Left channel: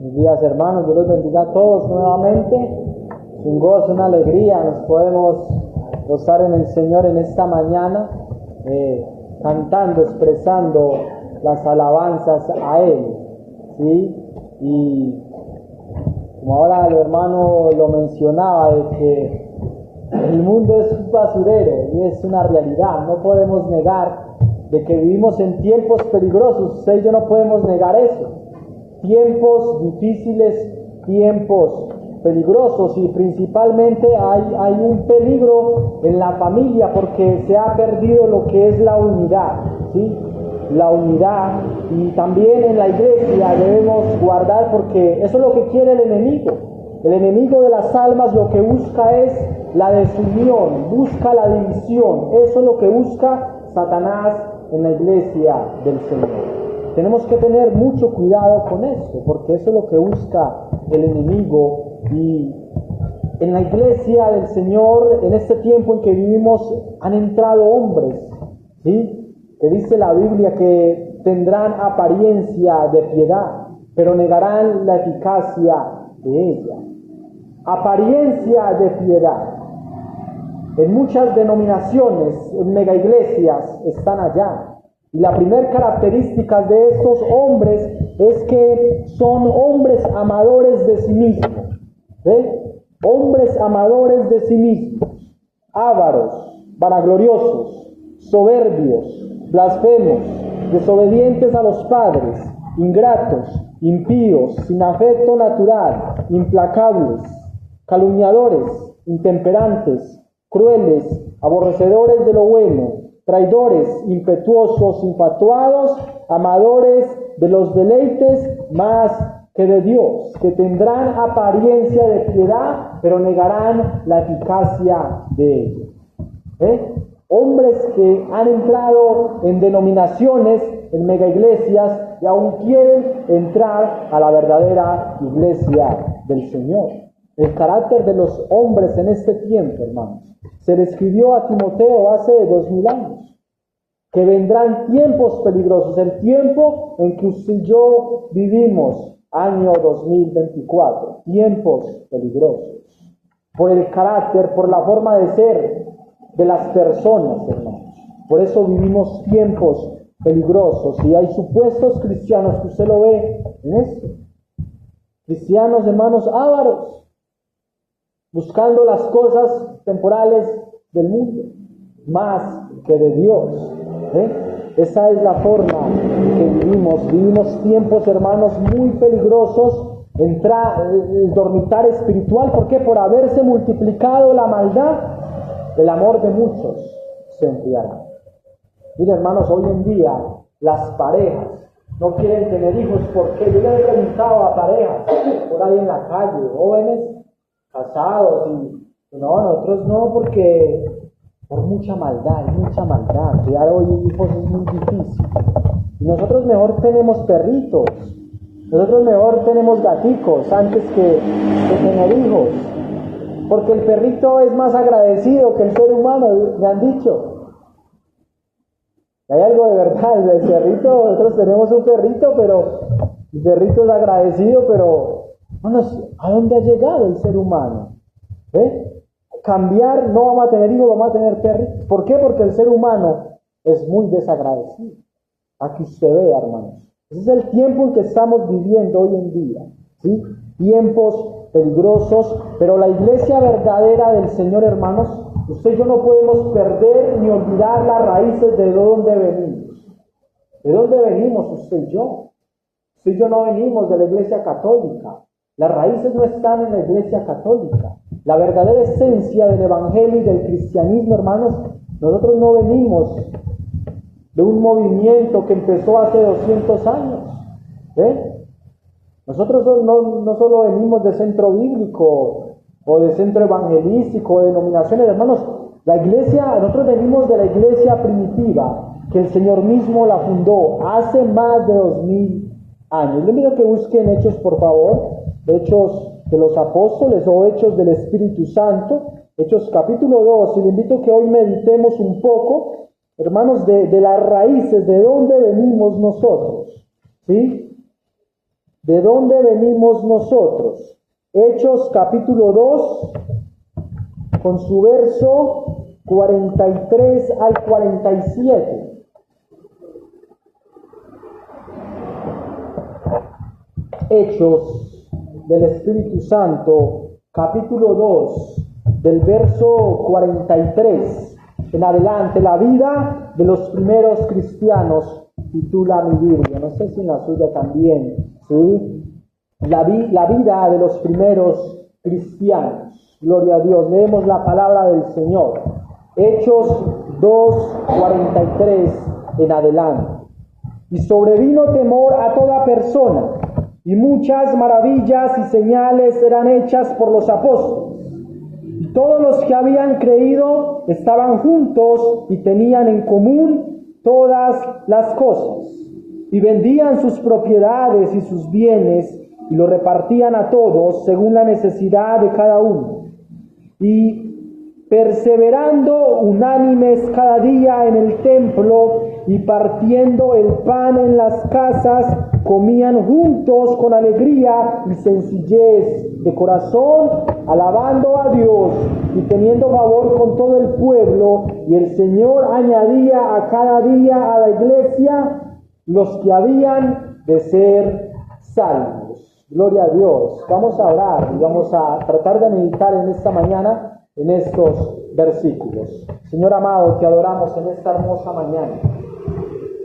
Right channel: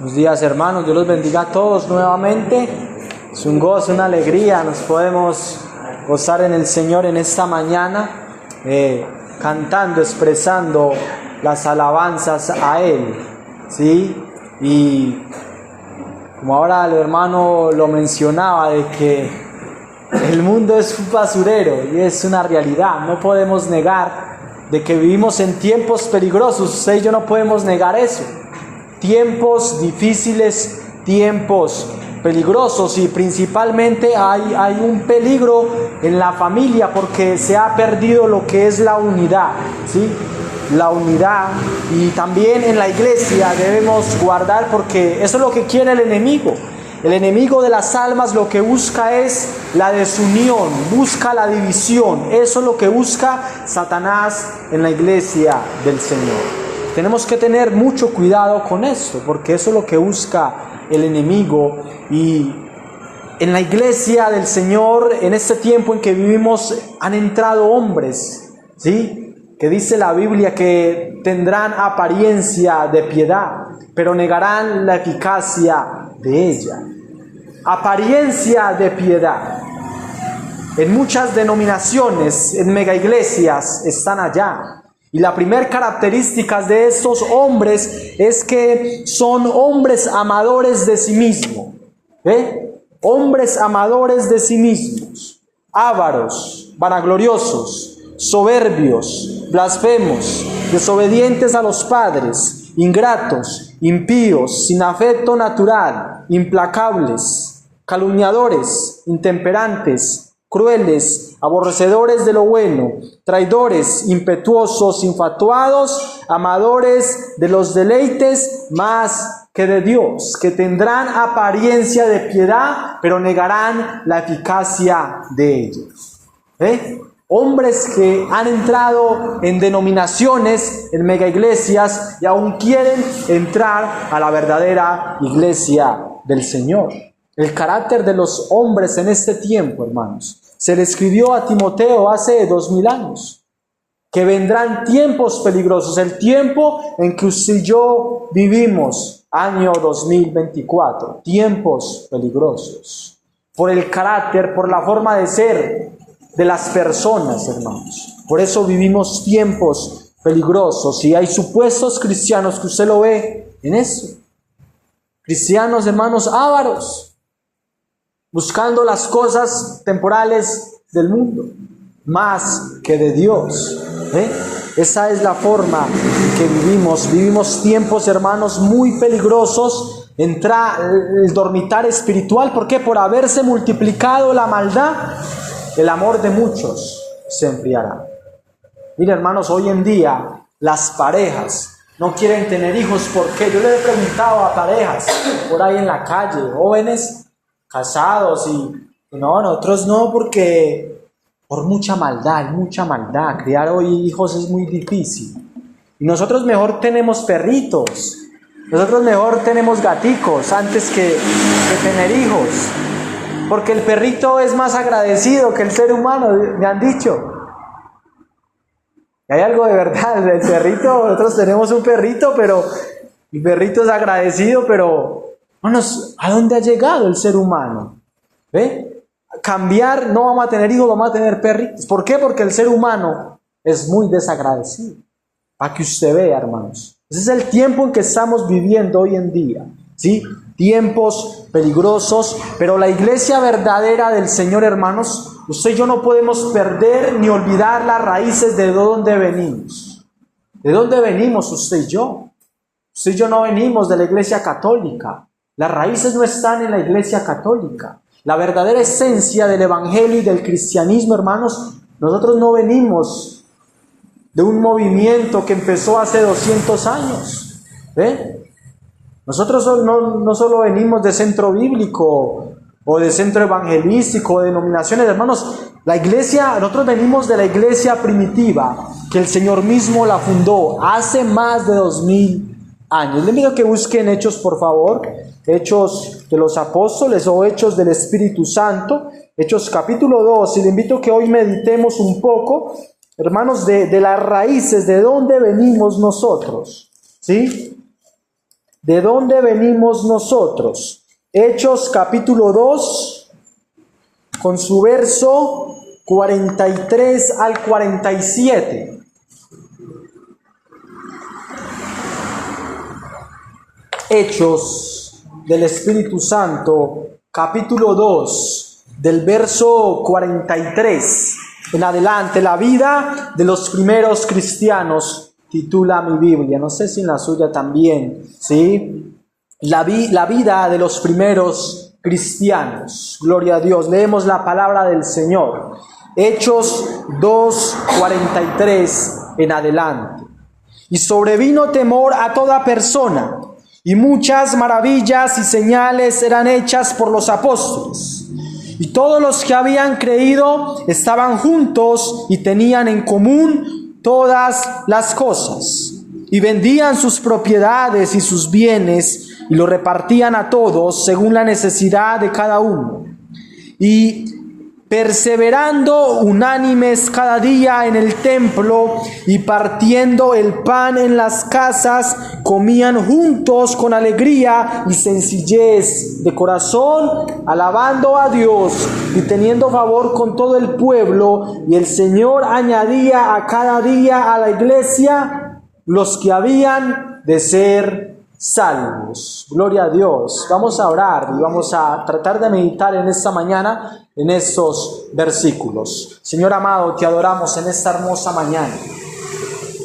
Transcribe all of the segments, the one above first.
Buenos días, hermanos, Dios los bendiga a todos nuevamente. Es un gozo, una alegría, nos podemos gozar en el Señor en esta mañana, cantando, expresando las alabanzas a Él, ¿sí? Y como ahora el hermano lo mencionaba, de que el mundo es un basurero y es una realidad, no podemos negar de que vivimos en tiempos peligrosos. Usted y yo no podemos negar eso. Tiempos difíciles, tiempos peligrosos, y principalmente hay un peligro en la familia porque se ha perdido lo que es la unidad, ¿sí? La unidad, y también en la iglesia debemos guardar, porque eso es lo que quiere el enemigo. El enemigo de las almas lo que busca es la desunión, busca la división. Eso es lo que busca Satanás en la iglesia del Señor. Tenemos que tener mucho cuidado con esto, porque eso es lo que busca el enemigo. Y en la iglesia del Señor, en este tiempo en que vivimos, han entrado hombres, ¿sí? Que dice la Biblia que tendrán apariencia de piedad, pero negarán la eficacia de ella. Apariencia de piedad. En muchas denominaciones, en megaiglesias, están allá. Y la primera característica de estos hombres es que son hombres amadores de sí mismos. Hombres amadores de sí mismos, ávaros, vanagloriosos, soberbios, blasfemos, desobedientes a los padres, ingratos, impíos, sin afecto natural, implacables, calumniadores, intemperantes, crueles, aborrecedores de lo bueno, traidores, impetuosos, infatuados, amadores de los deleites más que de Dios, que tendrán apariencia de piedad, pero negarán la eficacia de ellos. Hombres que han entrado en denominaciones, en megaiglesias, y aún quieren entrar a la verdadera iglesia del Señor. El carácter de los hombres en este tiempo, hermanos, se le escribió a Timoteo hace 2000 años, que vendrán tiempos peligrosos, el tiempo en que usted y yo vivimos, año 2024, tiempos peligrosos, por el carácter, por la forma de ser de las personas, hermanos. Por eso vivimos tiempos peligrosos, y hay supuestos cristianos que usted lo ve en eso, cristianos, hermanos, ávaros, buscando las cosas temporales del mundo, más que de Dios. Esa es la forma en que vivimos tiempos, hermanos, muy peligrosos. Entra el dormitar espiritual. ¿Por qué? Por haberse multiplicado la maldad, el amor de muchos se enfriará. Mira, hermanos, hoy en día las parejas no quieren tener hijos. ¿Por qué? Yo le he preguntado a parejas por ahí en la calle, jóvenes casados, y no, nosotros no, porque por mucha maldad, criar hoy hijos es muy difícil, y nosotros mejor tenemos perritos, nosotros mejor tenemos gaticos antes que tener hijos, porque el perrito es más agradecido que el ser humano, me han dicho. Y hay algo de verdad, el perrito, nosotros tenemos un perrito, pero el perrito es agradecido, pero hermanos, ¿a dónde ha llegado el ser humano? Cambiar, no vamos a tener hijos, vamos a tener perritos. ¿Por qué? Porque el ser humano es muy desagradecido. Para que usted vea, hermanos. Ese es el tiempo en que estamos viviendo hoy en día, ¿sí? Tiempos peligrosos, pero la iglesia verdadera del Señor, hermanos, usted y yo no podemos perder ni olvidar las raíces de dónde venimos. ¿De dónde venimos usted y yo? Usted y yo no venimos de la iglesia católica. Las raíces no están en la iglesia católica. La verdadera esencia del evangelio y del cristianismo, hermanos, nosotros no venimos de un movimiento que empezó hace 200 años. Nosotros no solo venimos de centro bíblico o de centro evangelístico o de denominaciones, hermanos. La iglesia, nosotros venimos de la iglesia primitiva, que el Señor mismo la fundó hace más de 2000 años. Le invito a que busquen Hechos, por favor. Hechos de los Apóstoles o Hechos del Espíritu Santo, Hechos capítulo 2, y le invito a que hoy meditemos un poco, hermanos, de las raíces, de dónde venimos nosotros, ¿sí? ¿de dónde venimos nosotros? Hechos capítulo 2, con su verso 43 al 47. Hechos del Espíritu Santo, capítulo 2, del verso 43 en adelante. La vida de los primeros cristianos titula mi Biblia, no sé si en la suya también, ¿sí? La vida de los primeros cristianos. Gloria a Dios. Leemos la palabra del Señor. Hechos 2, 43 en adelante. Y sobrevino temor a toda persona, y muchas maravillas y señales eran hechas por los apóstoles. Y todos los que habían creído estaban juntos y tenían en común todas las cosas. Y vendían sus propiedades y sus bienes y lo repartían a todos según la necesidad de cada uno. Y perseverando unánimes cada día en el templo y partiendo el pan en las casas, comían juntos con alegría y sencillez de corazón, alabando a Dios y teniendo favor con todo el pueblo. Y el Señor añadía a cada día a la iglesia los que habían de ser salvos. Gloria a Dios. Vamos a orar y vamos a tratar de meditar en esta mañana en estos versículos. Señor amado, te adoramos en esta hermosa mañana.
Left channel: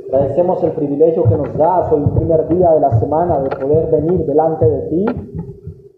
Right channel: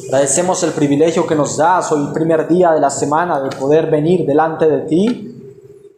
Agradecemos el privilegio que nos das hoy, el primer día de la semana, de poder venir delante de ti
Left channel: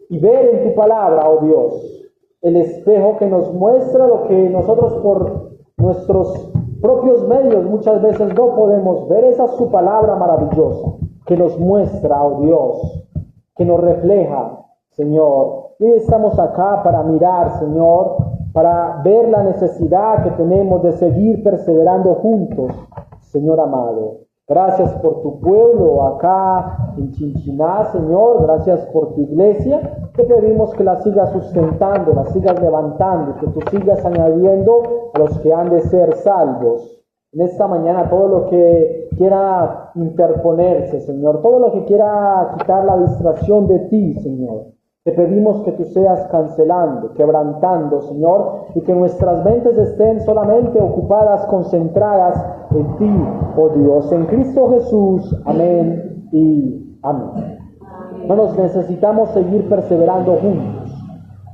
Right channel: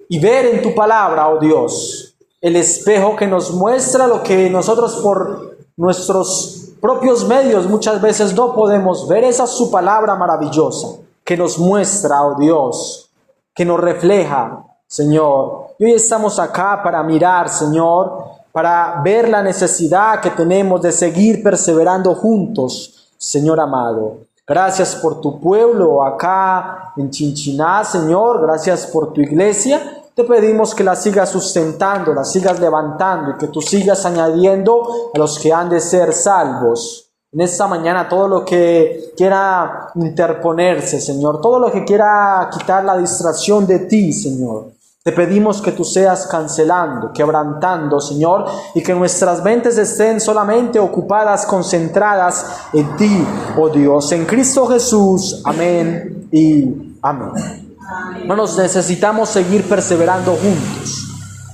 y ver en tu palabra, oh Dios, el espejo que nos muestra lo que nosotros por nuestros propios medios muchas veces no podemos ver. Esa es su palabra maravillosa que nos muestra, oh Dios, que nos refleja, Señor. Y hoy estamos acá para mirar, Señor, para ver la necesidad que tenemos de seguir perseverando juntos, Señor amado. Gracias por tu pueblo acá en Chinchiná, Señor. Gracias por tu iglesia. Te pedimos que la sigas sustentando, la sigas levantando y que tú sigas añadiendo a los que han de ser salvos. En esta mañana todo lo que quiera interponerse, Señor, todo lo que quiera quitar la distracción de ti, Señor, te pedimos que tú seas cancelando, quebrantando, Señor, y que nuestras mentes estén solamente ocupadas, concentradas en ti, oh Dios, en Cristo Jesús. Amén y amén. Hermanos, necesitamos seguir perseverando juntos.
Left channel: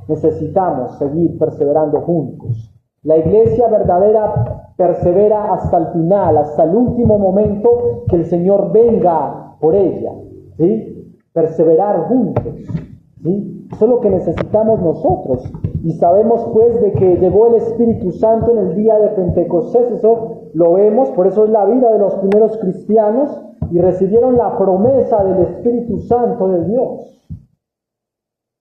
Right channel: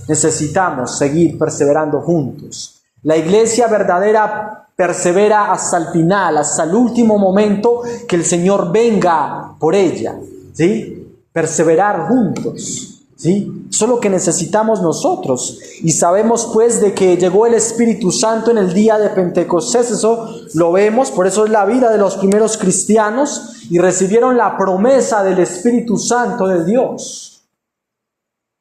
Necesitamos seguir perseverando juntos. La iglesia verdadera persevera hasta el final, hasta el último momento que el Señor venga por ella, ¿sí? Perseverar juntos. ¿Sí? Eso es lo que necesitamos nosotros. Y sabemos pues de que llegó el Espíritu Santo en el día de Pentecostés. Eso lo vemos, por eso es la vida de los primeros cristianos. Y recibieron la promesa del Espíritu Santo de Dios.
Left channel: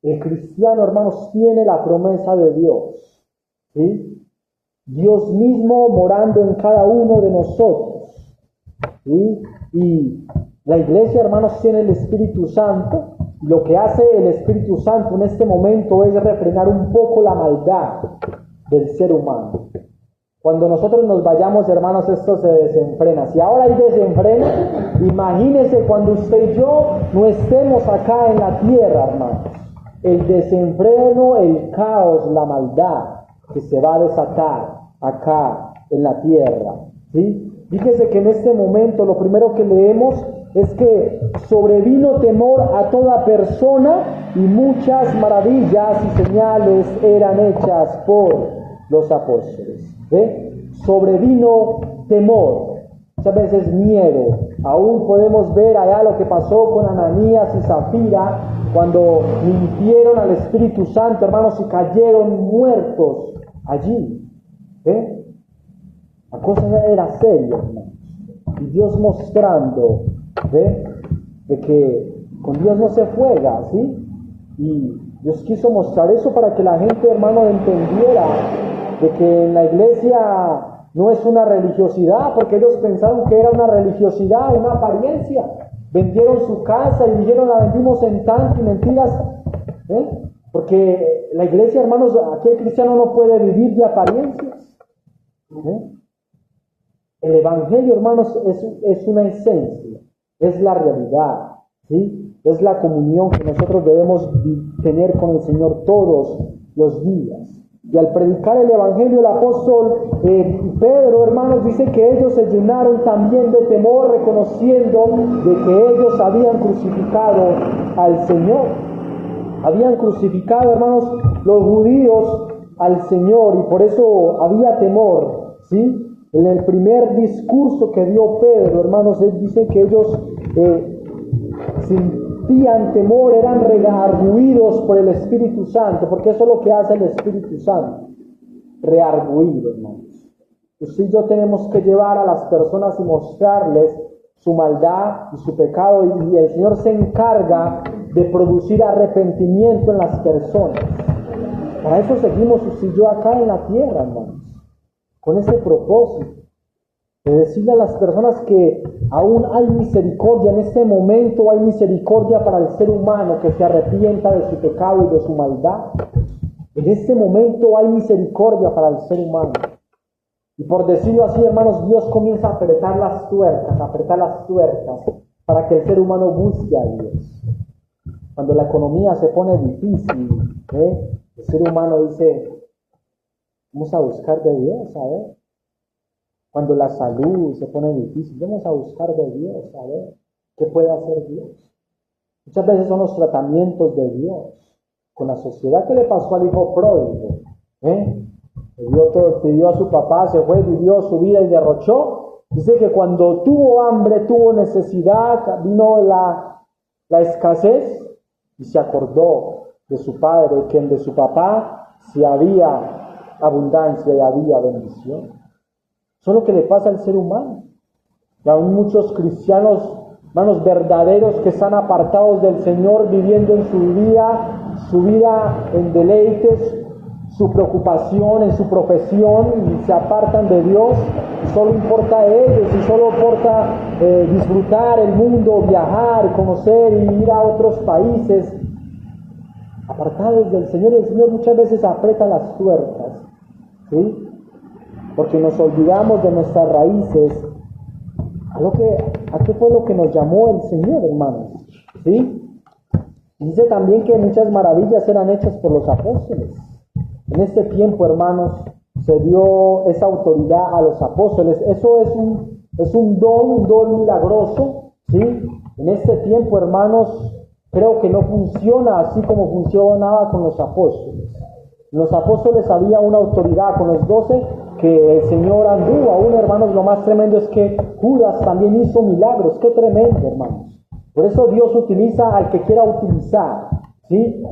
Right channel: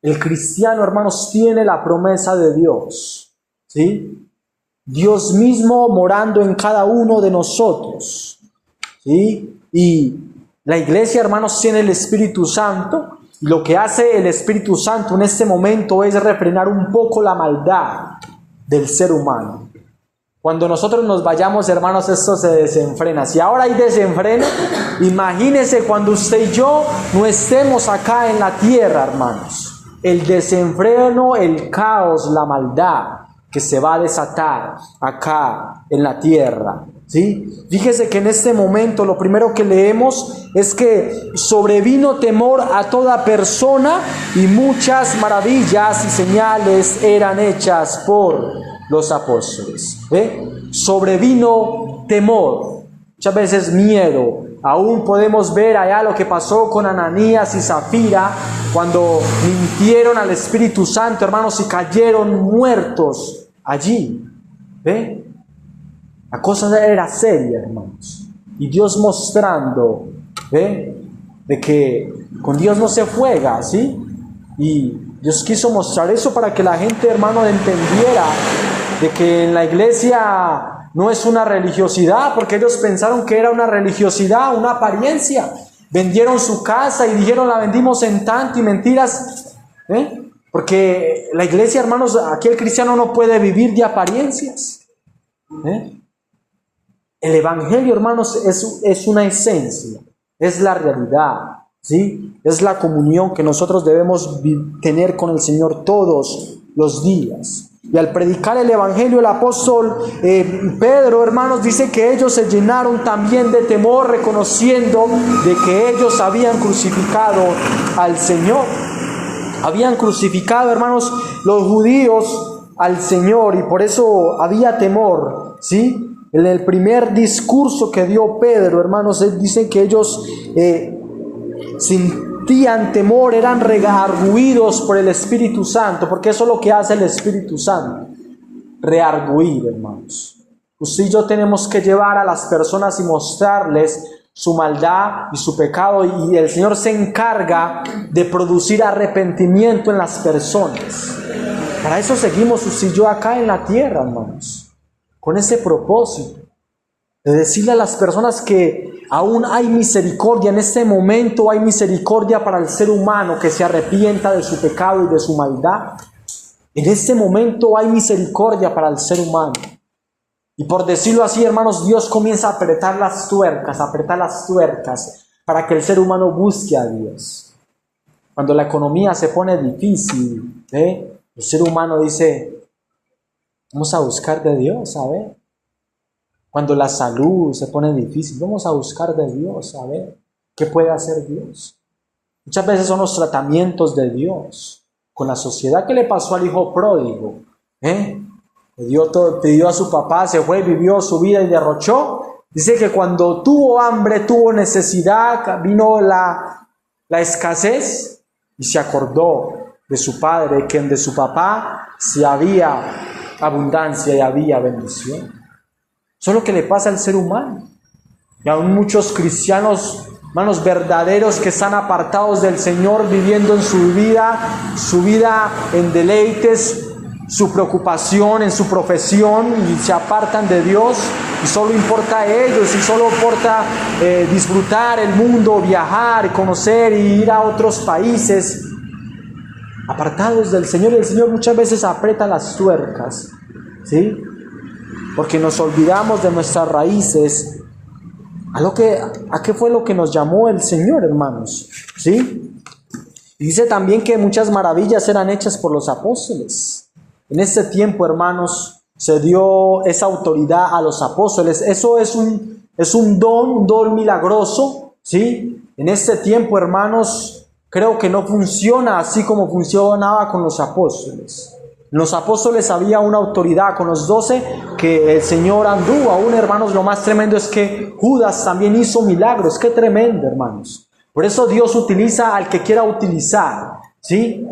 El cristiano, hermanos, tiene la promesa de Dios, ¿sí? Dios mismo morando en cada uno de nosotros, ¿sí? Y la iglesia, hermanos, tiene el Espíritu Santo. Lo que hace el Espíritu Santo en este momento es refrenar un poco la maldad del ser humano. Cuando nosotros nos vayamos, hermanos, esto se desenfrena. Si ahora hay desenfreno, imagínense cuando usted y yo no estemos acá en la tierra, hermanos. El desenfreno, el caos, la maldad que se va a desatar acá en la tierra, ¿sí? Fíjese que en este momento lo primero que leemos es que sobrevino temor a toda persona y muchas maravillas y señales eran hechas por los apóstoles. Sobrevino temor, muchas veces miedo. Aún podemos ver allá lo que pasó con Ananías y Zafira cuando mintieron al Espíritu Santo, hermanos, y cayeron muertos allí. La cosa era seria, hermanos. Y Dios mostrando, de que con Dios no se juega, ¿sí? Y Dios quiso mostrar eso para que la gente, hermano, entendiera de que en la iglesia no es una religiosidad, porque ellos pensaron que era una religiosidad, una apariencia. Vendieron su casa y dijeron la vendimos en tanto y mentiras, porque la iglesia, hermanos, aquí el cristiano no puede vivir de apariencias. El evangelio, hermanos, es una esencia, es la realidad, ¿sí? es la comunión que nosotros debemos tener con el Señor todos los días. Y al predicar el Evangelio, el apóstol Pedro, hermanos, dice que ellos se llenaron también de temor, reconociendo de que ellos habían crucificado al Señor. Habían crucificado, hermanos, los judíos al Señor, y por eso había temor, ¿sí? En el primer discurso que dio Pedro, hermanos, dicen que ellos sentían temor, eran redarguidos por el Espíritu Santo, porque eso es lo que hace el Espíritu Santo, redarguir, hermanos. Usted y yo tenemos que llevar a las personas y mostrarles su maldad y su pecado, y el Señor se encarga de producir arrepentimiento en las personas. Para eso seguimos usted y yo acá en la tierra, hermanos, con ese propósito de decirle a las personas que aún hay misericordia. En este momento hay misericordia para el ser humano que se arrepienta de su pecado y de su maldad. En este momento hay misericordia para el ser humano. Y por decirlo así, hermanos, Dios comienza a apretar las tuercas para que el ser humano busque a Dios. Cuando la economía se pone difícil, el ser humano dice, vamos a buscar de Dios, a ver. Cuando la salud se pone difícil, vamos a buscar de Dios, a ver qué puede hacer Dios. Muchas veces son los tratamientos de Dios con la sociedad. ¿Qué le pasó al hijo pródigo? Pidió a su papá, se fue, vivió su vida y derrochó. Dice que cuando tuvo hambre, tuvo necesidad, vino la escasez y se acordó de su padre, que de su papá si había abundancia y había bendición. Eso es lo que le pasa al ser humano. Y aún muchos cristianos, hermanos, verdaderos, que están apartados del Señor, viviendo en su vida en deleites, su preocupación en su profesión, y se apartan de Dios, y solo importa a ellos, y solo importa disfrutar el mundo, viajar, conocer y ir a otros países, apartados del Señor. Y el Señor muchas veces aprieta las tuercas, ¿sí? Porque nos olvidamos de nuestras raíces, a qué fue lo que nos llamó el Señor, hermanos, ¿sí? Y dice también que muchas maravillas eran hechas por los apóstoles. En este tiempo, hermanos, se dio esa autoridad a los apóstoles. Eso es un don milagroso, ¿sí? En este tiempo, hermanos, creo que no funciona así como funcionaba con los apóstoles. Los apóstoles había una autoridad con los 12 que el Señor anduvo. Aún, hermanos, lo más tremendo es que Judas también hizo milagros. Qué tremendo, hermanos. Por eso Dios utiliza al que quiera utilizar, ¿sí?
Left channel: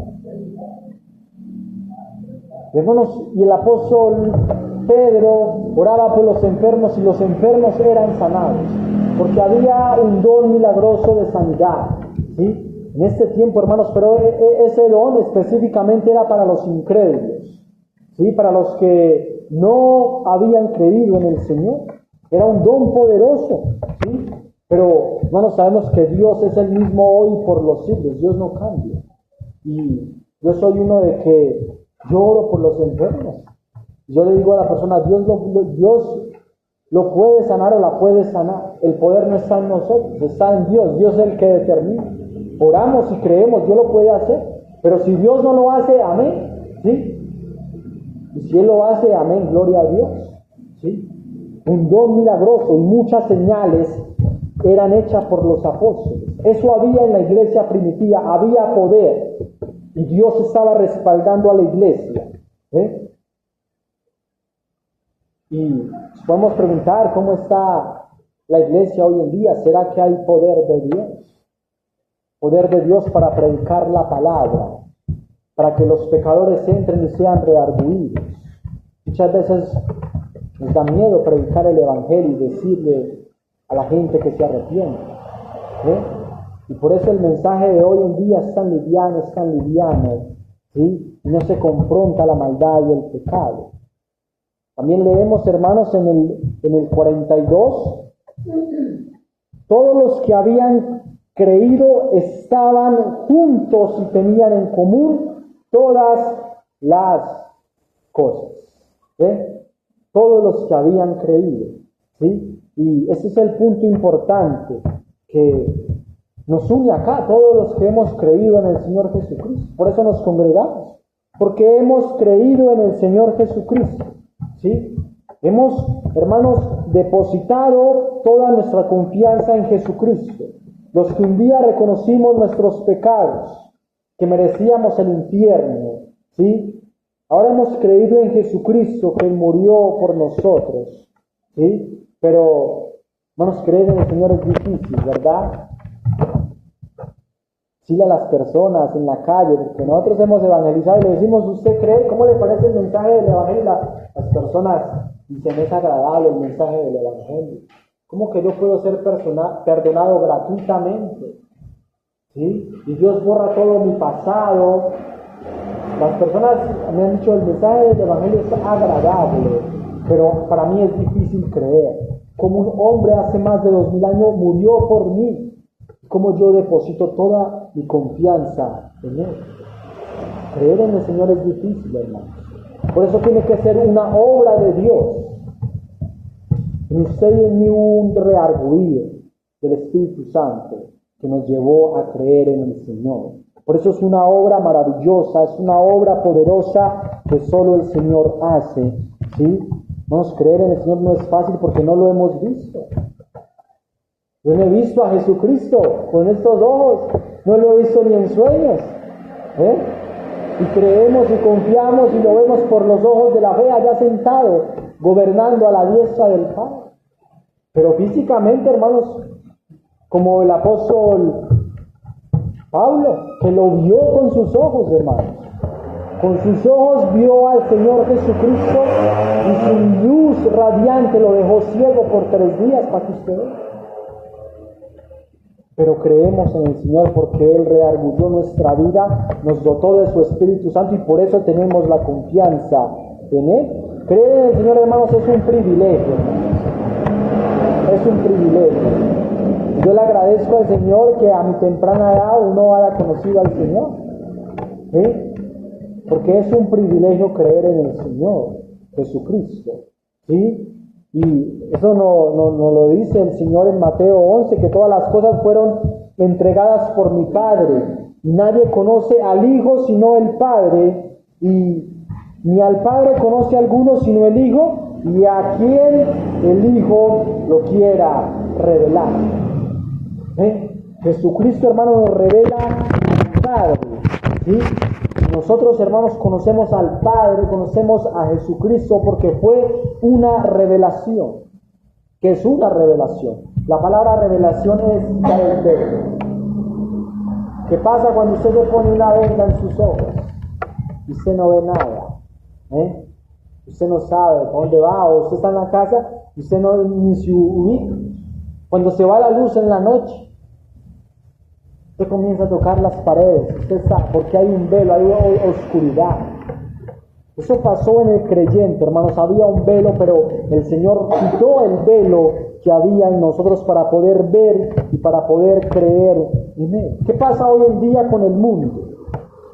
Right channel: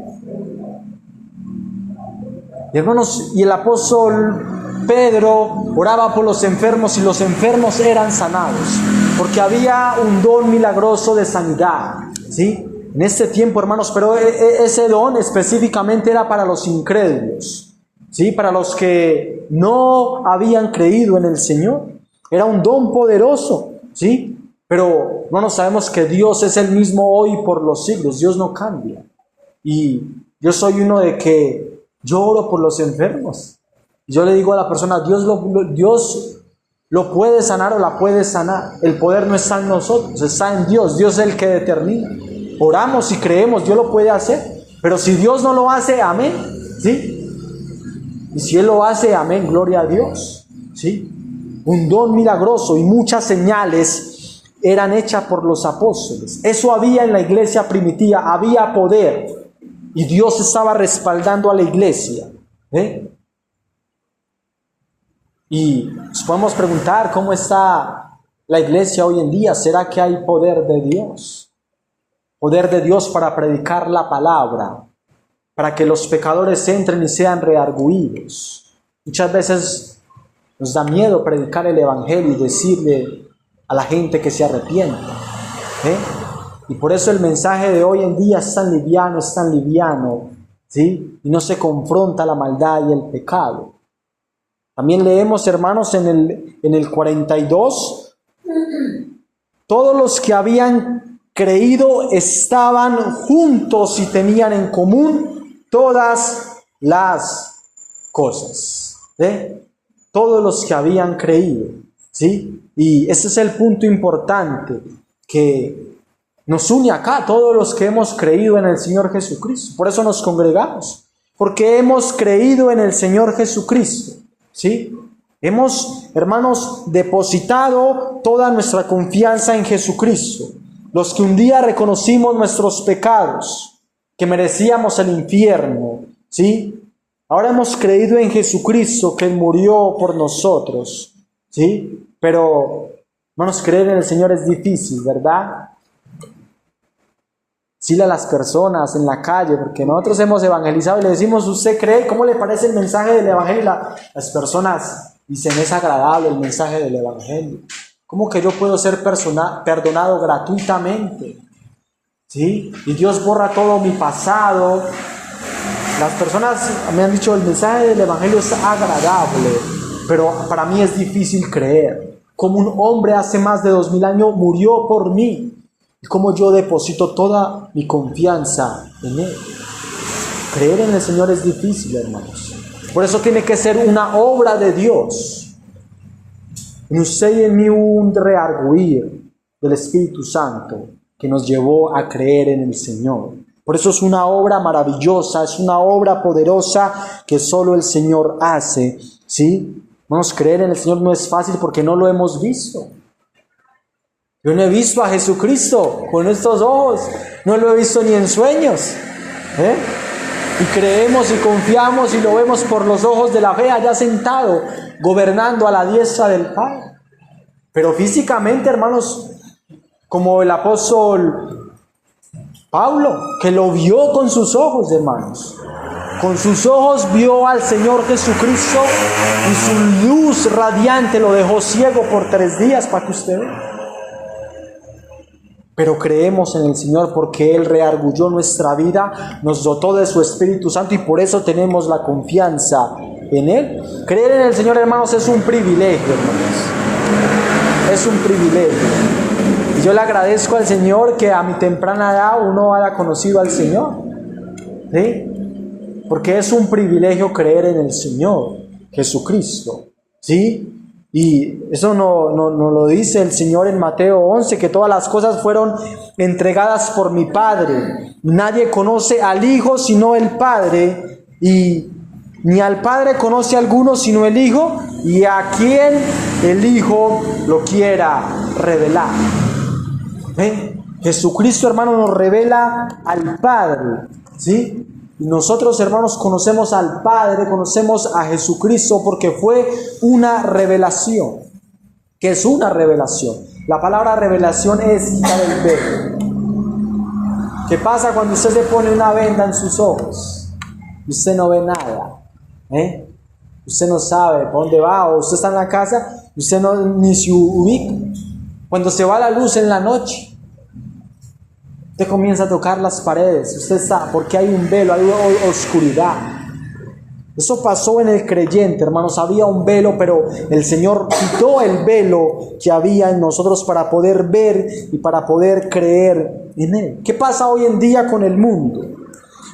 Y, hermanos, y el apóstol Pedro oraba por los enfermos y los enfermos eran sanados, porque había un don milagroso de sanidad, ¿sí? En este tiempo, hermanos, pero ese don específicamente era para los incrédulos, ¿sí? Para los que no habían creído en el Señor. Era un don poderoso, ¿sí? Pero, hermanos, sabemos que Dios es el mismo hoy por los siglos. Dios no cambia. Y yo soy uno de que yo oro por los enfermos. Yo le digo a la persona, Dios lo puede sanar o la puede sanar. El poder no está en nosotros, está en Dios. Dios es el que determina. Oramos y creemos, Dios lo puede hacer. Pero si Dios no lo hace, amén, ¿sí? Y si Él lo hace, amén, gloria a Dios, ¿sí? Un don milagroso y muchas señales eran hechas por los apóstoles. Eso había en la iglesia primitiva, había poder. Y Dios estaba respaldando a la iglesia, Y nos podemos preguntar cómo está la iglesia hoy en día. ¿Será que hay poder de Dios? Poder de Dios para predicar la palabra, para que los pecadores entren y sean redarguidos. Muchas veces nos da miedo predicar el Evangelio y decirle a la gente que se arrepienta, Y por eso el mensaje de hoy en día es tan liviano, ¿sí? Y no se confronta la maldad y el pecado. También leemos, hermanos, en el 42, todos los que habían creído estaban juntos y tenían en común todas las cosas. Todos los que habían creído, ¿sí? Y ese es el punto importante, que nos une acá, todos los que hemos creído en el Señor Jesucristo. Por eso nos congregamos, porque hemos creído en el Señor Jesucristo, ¿sí? Hemos, hermanos, depositado toda nuestra confianza en Jesucristo. Los que un día reconocimos nuestros pecados, que merecíamos el infierno, ¿sí? Ahora hemos creído en Jesucristo, que murió por nosotros, ¿sí? Pero, hermanos, creer en el Señor es difícil, ¿verdad? Decirle a las personas en la calle, porque nosotros hemos evangelizado y le decimos, ¿usted cree? ¿Cómo le parece el mensaje del Evangelio? Las personas dicen, es agradable el mensaje del Evangelio. ¿Cómo que yo puedo ser perdonado gratuitamente? ¿Sí? Y Dios borra todo mi pasado. Las personas me han dicho, el mensaje del Evangelio es agradable, pero para mí es difícil creer. Como un hombre hace más de 2000 años murió por mí. Y como yo deposito toda mi confianza en Él. Creer en el Señor es difícil, hermanos. Por eso tiene que ser una obra de Dios. En usted y en mí hubo un reargüir del Espíritu Santo que nos llevó a creer en el Señor. Por eso es una obra maravillosa, es una obra poderosa que solo el Señor hace, ¿sí? Vamos, creer en el Señor no es fácil porque no lo hemos visto. Yo no he visto a Jesucristo con estos ojos, no lo he visto ni en sueños, y creemos y confiamos y lo vemos por los ojos de la fe allá sentado, gobernando a la diestra del Padre. Pero físicamente, hermanos, como el apóstol Pablo, que lo vio con sus ojos, hermanos. Con sus ojos vio al Señor Jesucristo y su luz radiante lo dejó ciego por 3 días, para que usted vea. Pero creemos en el Señor porque Él reargulló nuestra vida, nos dotó de su Espíritu Santo y por eso tenemos la confianza en Él. Creer en el Señor, hermanos, es un privilegio, hermanos. Es un privilegio. Y yo le agradezco al Señor que a mi temprana edad uno haya conocido al Señor, ¿sí? Porque es un privilegio creer en el Señor Jesucristo, ¿sí? Y eso no lo dice el Señor en Mateo 11, que todas las cosas fueron entregadas por mi Padre. Nadie conoce al Hijo sino el Padre, y ni al Padre conoce a alguno sino el Hijo, y a quien el Hijo lo quiera revelar. Jesucristo, hermano, nos revela al Padre, ¿sí? Nosotros, hermanos, conocemos al Padre, conocemos a Jesucristo porque fue una revelación. ¿Qué es una revelación? La palabra revelación es quitar el velo. ¿Qué pasa cuando usted se pone una venda en sus ojos? Usted no ve nada, Usted no sabe para dónde va, o usted está en la casa, usted no ni se ubica. Cuando se va la luz en la noche, usted comienza a tocar las paredes, usted sabe, porque hay un velo, hay oscuridad. Eso pasó en el creyente, hermanos, había un velo, pero el Señor quitó el velo que había en nosotros para poder ver y para poder creer en Él. ¿Qué pasa hoy en día con el mundo?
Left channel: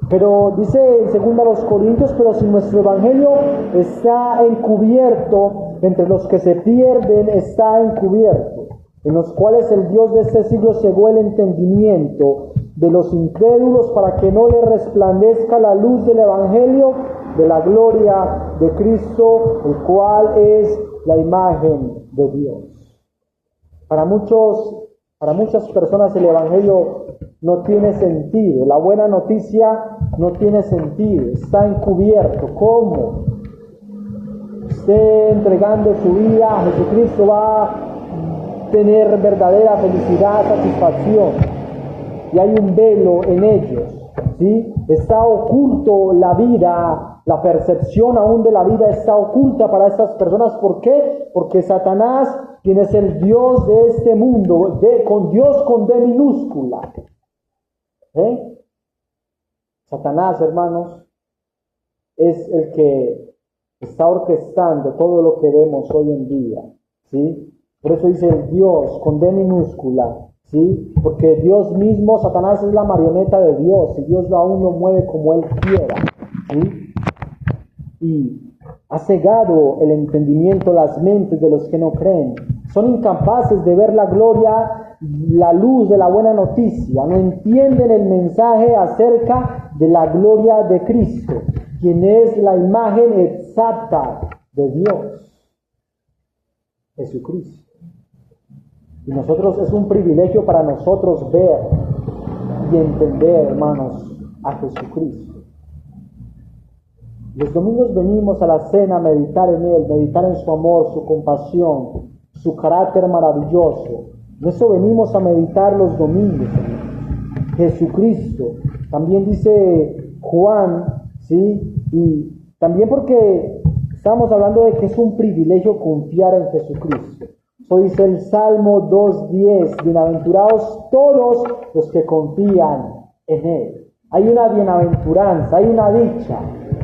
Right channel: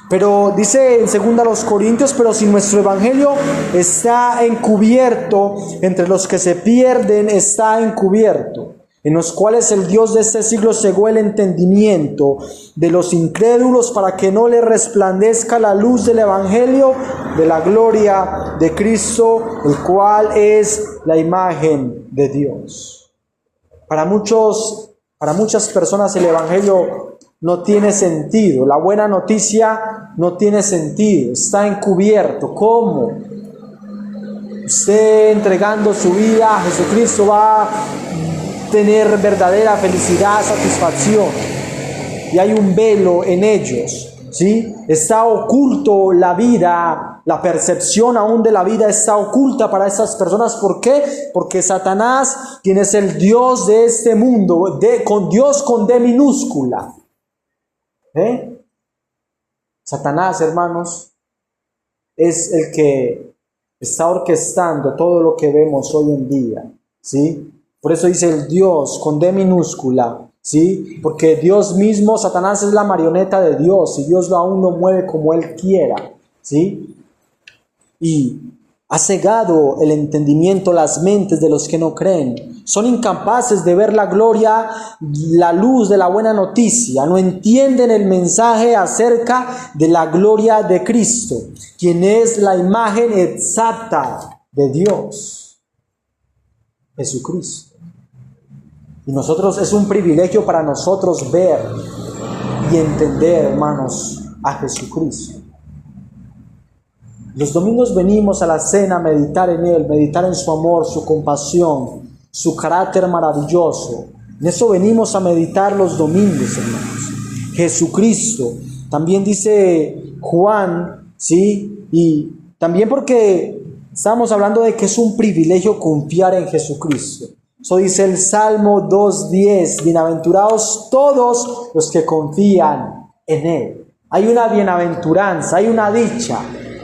Pero dice en 2 Corintios, pero si nuestro evangelio está encubierto, entre los que se pierden está encubierto, en los cuales el Dios de este siglo cegó el entendimiento de los incrédulos para que no les resplandezca la luz del evangelio de la gloria de Cristo, el cual es la imagen de Dios. Para muchas personas el evangelio no tiene sentido, la buena noticia no tiene sentido, está encubierto. ¿Cómo? Usted entregando su vida a Jesucristo va a tener verdadera felicidad, satisfacción, y hay un velo en ellos, ¿sí? Está oculto la vida, la percepción aún de la vida está oculta para esas personas. ¿Por qué? Porque Satanás, quien es el Dios de este mundo, con Dios con D minúscula, Satanás, hermanos, es el que está orquestando todo lo que vemos hoy en día, ¿sí? Por eso dice el Dios con D minúscula, ¿sí? Porque Dios mismo, Satanás es la marioneta de Dios y Dios aún lo mueve como Él quiera, ¿sí? Y Ha cegado el entendimiento, las mentes de los que no creen. Son incapaces de ver la gloria, la luz de la buena noticia. No entienden el mensaje acerca de la gloria de Cristo, quien es la imagen exacta de Dios, Jesucristo. Y nosotros, es un privilegio para nosotros ver y entender, hermanos, a Jesucristo. Los domingos venimos a la cena a meditar en Él, meditar en su amor, su compasión, su carácter maravilloso. En eso venimos a meditar los domingos, hermanos. Jesucristo. También dice Juan, ¿sí? Y también porque estamos hablando de que es un privilegio confiar en Jesucristo. Eso dice el Salmo 2:10, bienaventurados todos los que confían en Él. Hay una bienaventuranza, hay una dicha,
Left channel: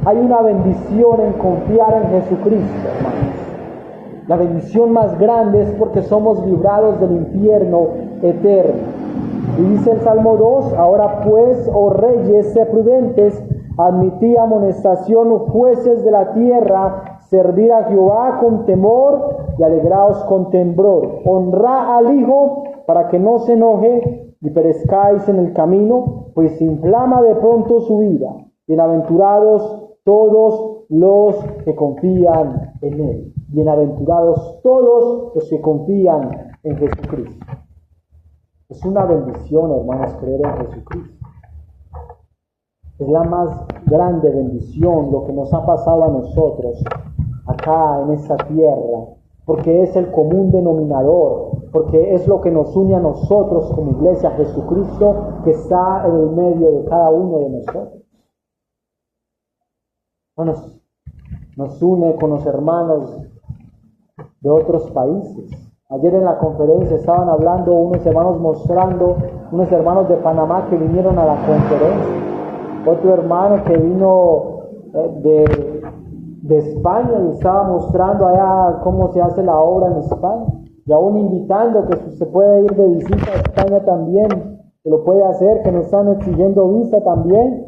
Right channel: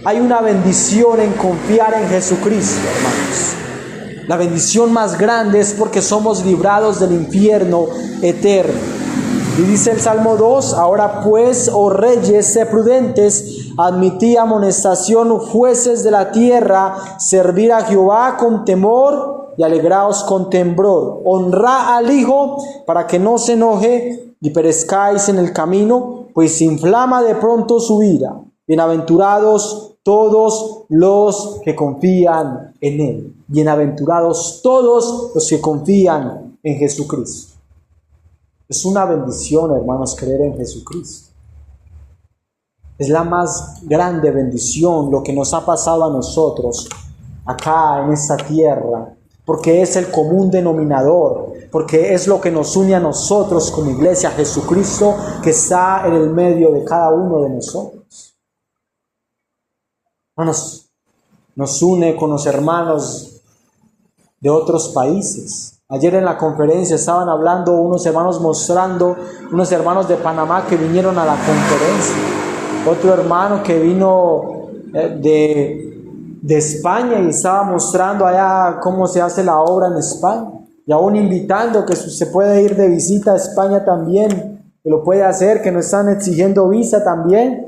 hay una bendición en confiar en Jesucristo, hermanos. La bendición más grande es porque somos librados del infierno eterno. Y dice el Salmo 2, ahora pues, oh reyes, sé prudentes, admitid amonestación, jueces de la tierra, servir a Jehová con temor y alegraos con temblor. Honrad al Hijo para que no se enoje y perezcáis en el camino, pues se inflama de pronto su ira. Bienaventurados todos los que confían en Él. Bienaventurados todos los que confían en Jesucristo. Es una bendición, hermanos, creer en Jesucristo. Es la más grande bendición lo que nos ha pasado a nosotros acá en esta tierra, porque es el común denominador, porque es lo que nos une a nosotros como iglesia, Jesucristo que está en el medio de cada uno de nosotros. Nos une con los hermanos de otros países. Ayer en la conferencia estaban hablando unos hermanos, mostrando unos hermanos de Panamá que vinieron a la conferencia. Otro hermano que vino de España y estaba mostrando allá cómo se hace la obra en España. Y aún invitando que se puede ir de visita a España también, que lo puede hacer, que nos están exigiendo visa también.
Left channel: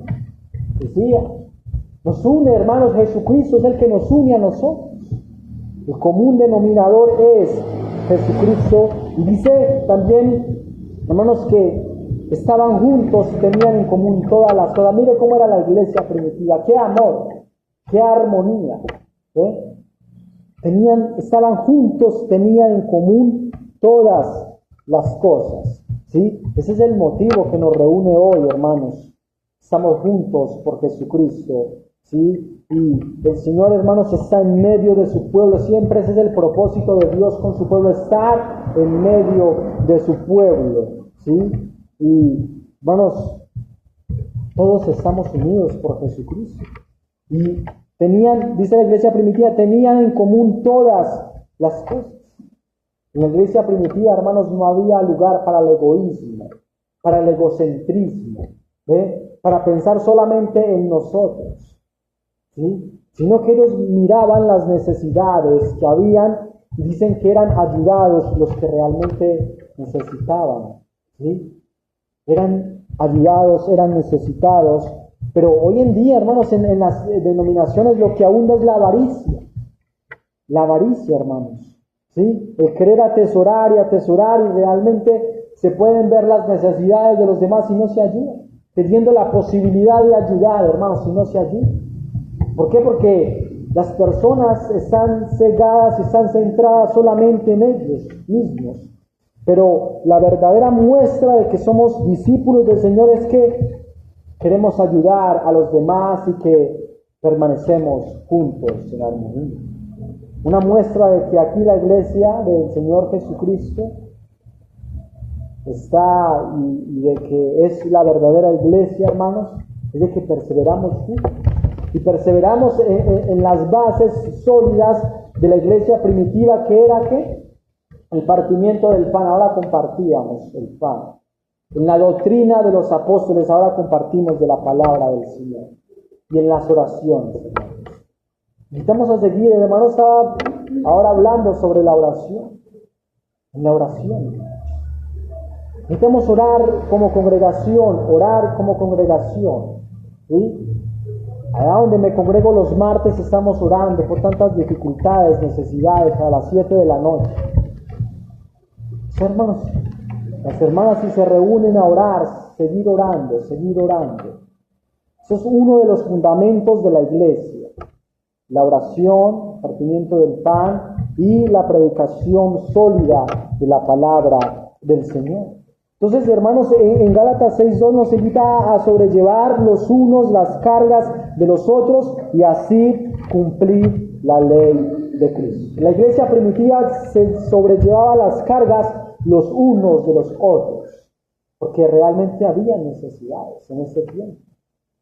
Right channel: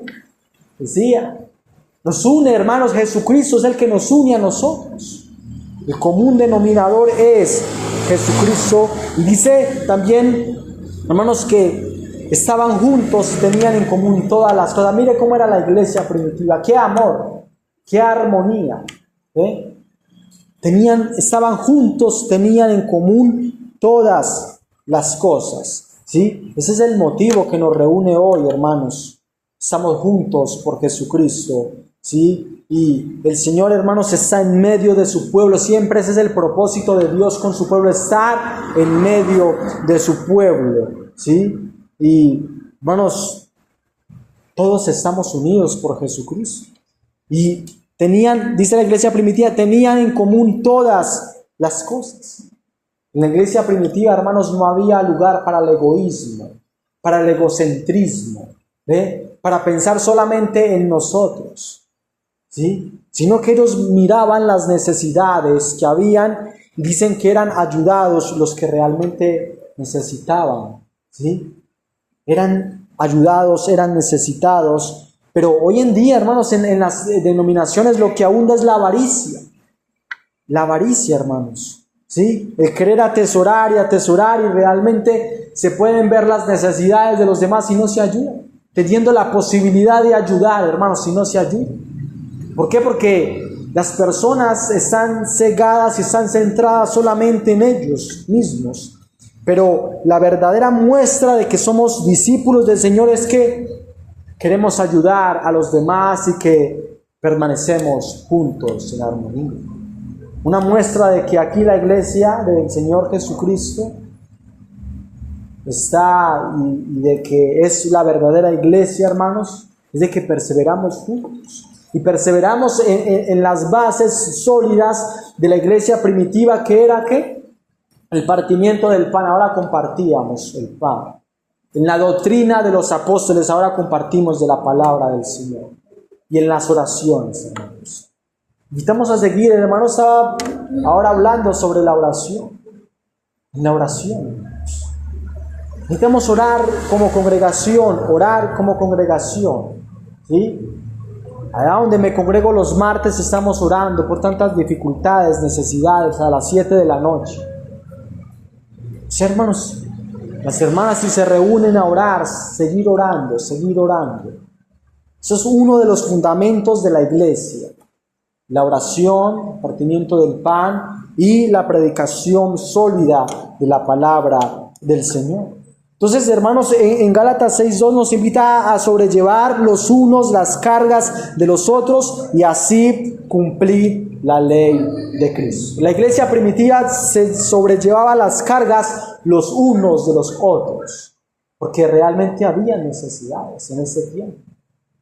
Decía, nos une, hermanos, Jesucristo es el que nos une a nosotros. El común denominador es Jesucristo. Y dice también, hermanos, que estaban juntos, tenían en común todas las cosas. Mire cómo era la iglesia primitiva, qué amor, qué armonía, estaban juntos, tenían en común todas las cosas, ¿sí? Ese es el motivo que nos reúne hoy, hermanos. Estamos juntos por Jesucristo, ¿sí? Y el Señor, hermanos, está en medio de su pueblo. Siempre ese es el propósito de Dios con su pueblo, estar en medio de su pueblo, ¿sí? Y, hermanos, todos estamos unidos por Jesucristo. Y tenían, dice la iglesia primitiva, tenían en común todas las cosas. En la iglesia primitiva, hermanos, no había lugar para el egoísmo, para el egocentrismo, para pensar solamente en nosotros, ¿sí? Sino que ellos miraban las necesidades que habían y dicen que eran ayudados los que realmente necesitaban, ¿sí? Eran ayudados, eran necesitados. Pero hoy en día, hermanos, en las denominaciones lo que abunda es la avaricia. La avaricia, hermanos, ¿sí? El querer atesorar y realmente se pueden ver las necesidades de los demás y no se ayudan. Teniendo la posibilidad de ayudar, hermanos, si no se ayudan. ¿Por qué? Porque las personas están cegadas y están centradas solamente en ellos mismos. Pero la verdadera muestra de que somos discípulos del Señor es que queremos ayudar a los demás y que permanecemos juntos en armonía. Una muestra de que aquí la iglesia del Señor Jesucristo está y de que es la verdadera iglesia, hermanos, es de que perseveramos juntos. Y perseveramos en las bases sólidas de la iglesia primitiva, que era ¿qué? El partimiento del pan. Ahora compartíamos el pan. En la doctrina de los apóstoles ahora compartimos de la palabra del Señor. Y en las oraciones, hermanos. Invitamos a seguir. El hermano estaba ahora hablando sobre la oración. En la oración, hermanos. Necesitamos orar como congregación, ¿sí? Allá donde me congrego los martes estamos orando por tantas dificultades, necesidades, a las 7 de la noche. Los hermanos, las hermanas, si se reúnen a orar, seguir orando, seguir orando. Eso es uno de los fundamentos de la iglesia. La oración, el partimiento del pan y la predicación sólida de la palabra del Señor. Entonces, hermanos, en Gálatas 6:2 nos invita a sobrellevar los unos las cargas de los otros y así cumplir la ley de Cristo. La iglesia primitiva se sobrellevaba las cargas los unos de los otros, porque realmente había necesidades en ese tiempo.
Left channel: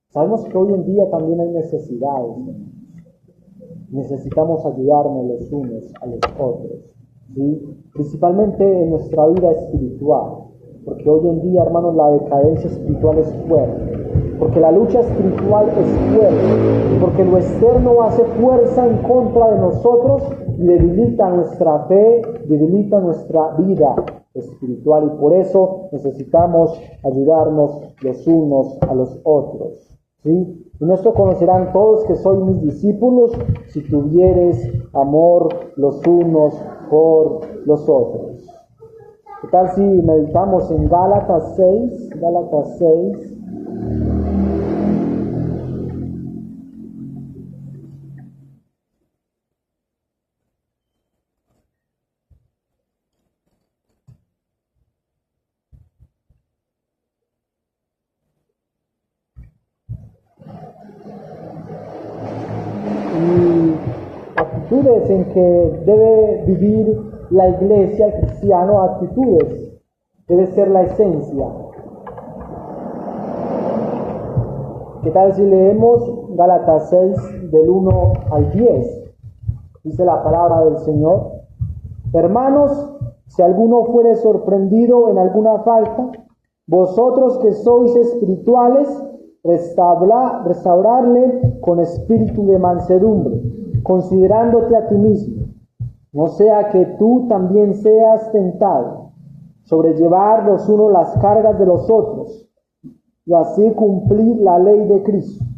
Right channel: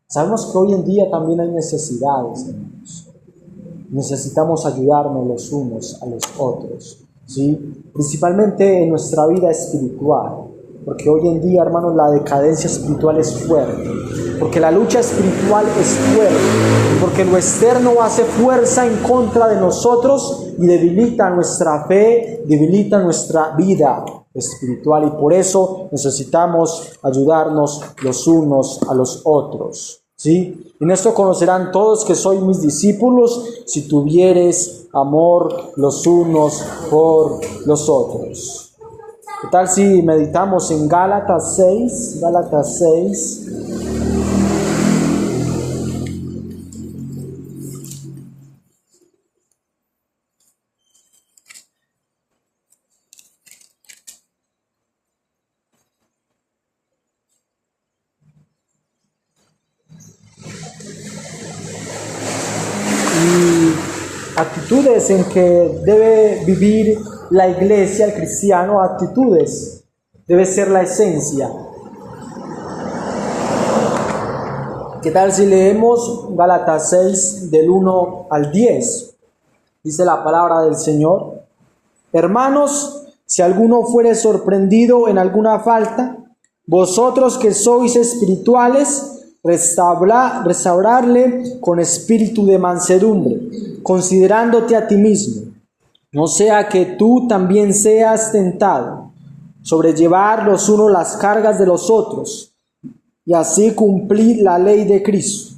Sabemos que hoy en día también hay necesidades, hermanos. Necesitamos ayudarnos los unos a los otros, ¿sí? Principalmente en nuestra vida espiritual, porque hoy en día, hermanos, la decadencia espiritual es fuerte, porque la lucha espiritual es fuerte, porque lo externo hace fuerza en contra de nosotros y debilita nuestra fe, debilita nuestra vida espiritual, y por eso necesitamos ayudarnos los unos a los otros. ¿Sí? En esto conocerán todos que sois mis discípulos, si tuviereis amor los unos por los otros. ¿Qué tal si meditamos en Gálatas 6? Gálatas 6. Actitudes en que debe vivir la iglesia, el cristiano, actitudes, debe ser la esencia. ¿Qué tal si leemos Gálatas 6 del 1 al 10? Dice la palabra del Señor: hermanos, si alguno fuere sorprendido en alguna falta, vosotros que sois espirituales, restaurarle con espíritu de mansedumbre, considerándote a ti mismo, no sea que tú también seas tentado, sobrellevar los unos las cargas de los otros, y así cumplir la ley de Cristo.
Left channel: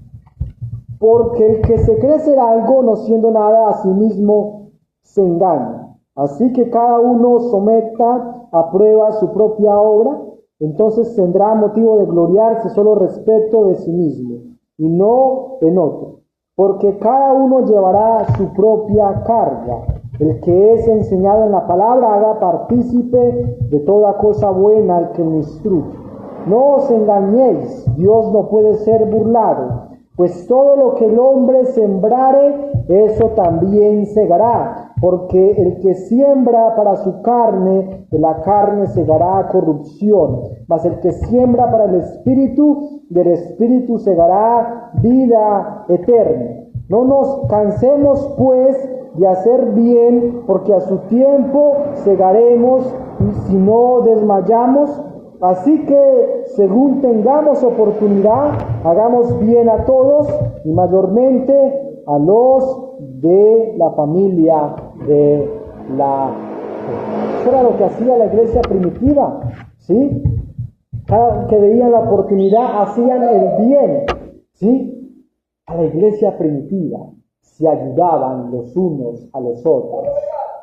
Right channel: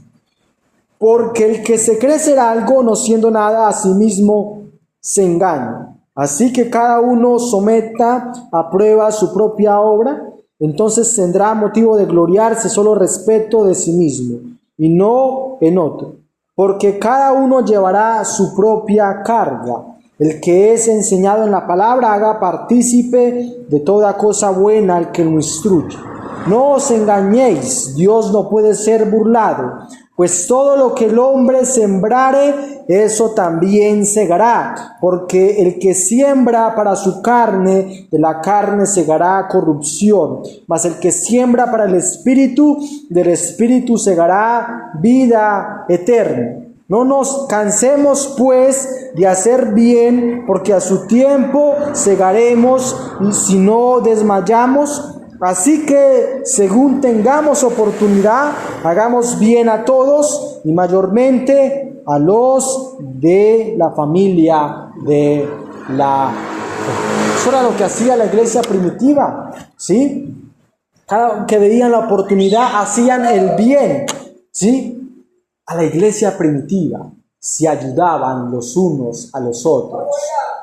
Porque el que se cree ser algo, no siendo nada, a sí mismo se engaña. Así que cada uno someta a prueba su propia obra, entonces tendrá motivo de gloriarse solo respecto de sí mismo, y no en otro. Porque cada uno llevará su propia carga. El que es enseñado en la palabra haga partícipe de toda cosa buena al que lo instruye. No os engañéis, Dios no puede ser burlado, pues todo lo que el hombre sembrare, eso también segará. Porque el que siembra para su carne, de la carne segará corrupción, mas el que siembra para el Espíritu, del Espíritu segará vida eterna. No nos cansemos pues de hacer bien, porque a su tiempo segaremos, y si no desmayamos. Así que, según tengamos oportunidad, hagamos bien a todos, y mayormente a los de la familia de la fe. Eso era lo que hacía la iglesia primitiva, ¿sí? Cada que veían la oportunidad, hacían el bien, ¿sí? A la iglesia primitiva se ayudaban los unos a los otros,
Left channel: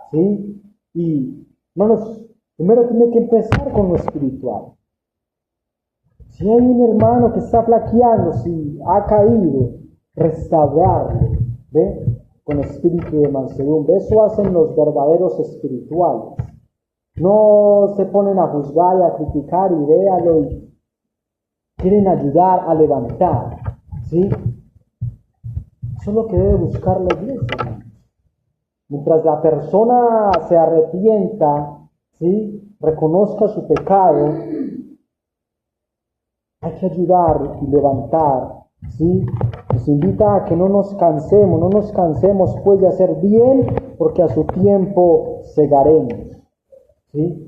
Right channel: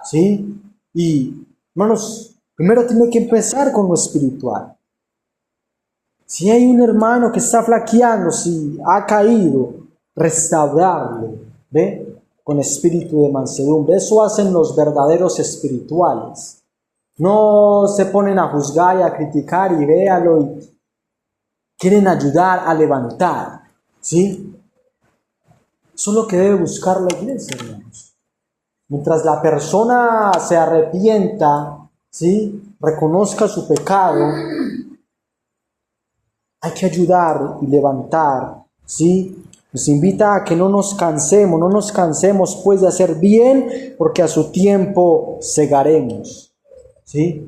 ¿sí? Y, hermanos, primero tiene que empezar con lo espiritual. Si hay un hermano que está flaqueando, si ha caído, restaurarlo, ¿ve? Con espíritu de mansedumbre. Eso hacen los verdaderos espirituales. No se ponen a juzgar y a criticar y véalo, y quieren ayudar a levantar, ¿sí? Eso es lo que debe buscar la iglesia, hermanos. Mientras la persona se arrepienta, ¿sí? Reconozca su pecado, hay que ayudar y levantar, ¿sí? Nos invita a que no nos cansemos pues de hacer bien, porque a su tiempo segaremos, ¿sí?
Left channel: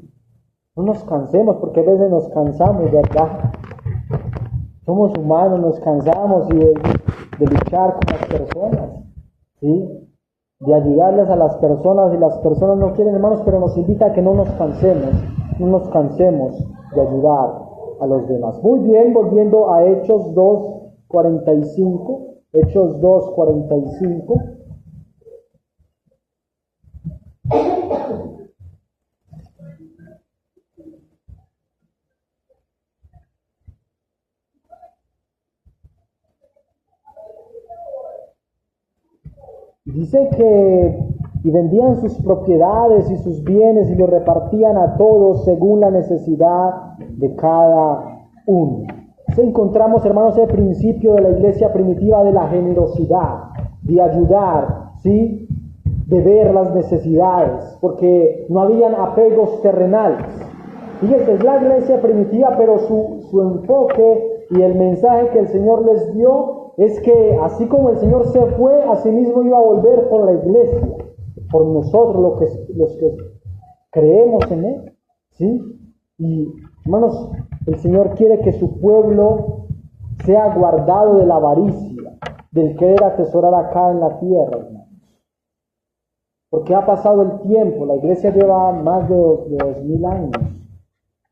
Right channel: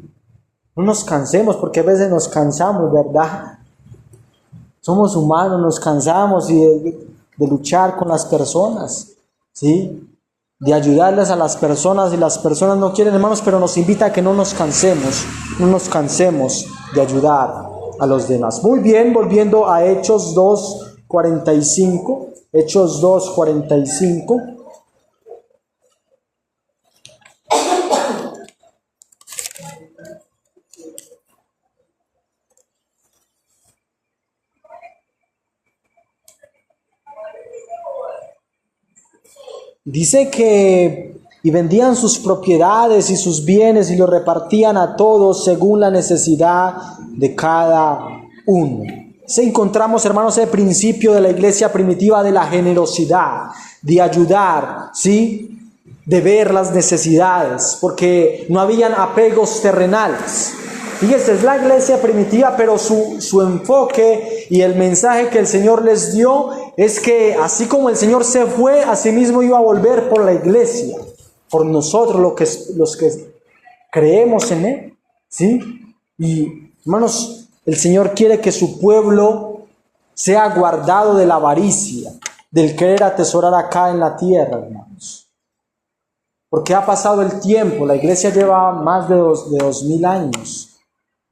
No nos cansemos, porque a veces nos cansamos, ¿verdad? Somos humanos, nos cansamos de luchar con las personas, ¿sí? De ayudarles a las personas, y las personas no quieren, hermanos, pero nos invita a que no nos cansemos de ayudar a los demás. Muy bien, volviendo a Hechos 2:45, Hechos 2:45. Dice que y vendían sus propiedades y sus bienes y los repartían a todos según la necesidad de cada uno. Se encontramos, hermanos, el principio de la iglesia primitiva de la generosidad, de ayudar, ¿sí? De ver las necesidades, porque no habían apegos terrenales. Fíjense, es la iglesia primitiva, pero su enfoque y el mensaje que el Señor les dio es que así como el Señor se fue, así mismo iba a volver por la iglesia, por nosotros los que creemos en Él, ¿sí? Y hermanos, el Señor quiere que su pueblo sea guardado de la avaricia, del querer atesorar acá en la tierra, hermanos. Porque ha pasado el tiempo, la iglesia lleva más de 2000 años.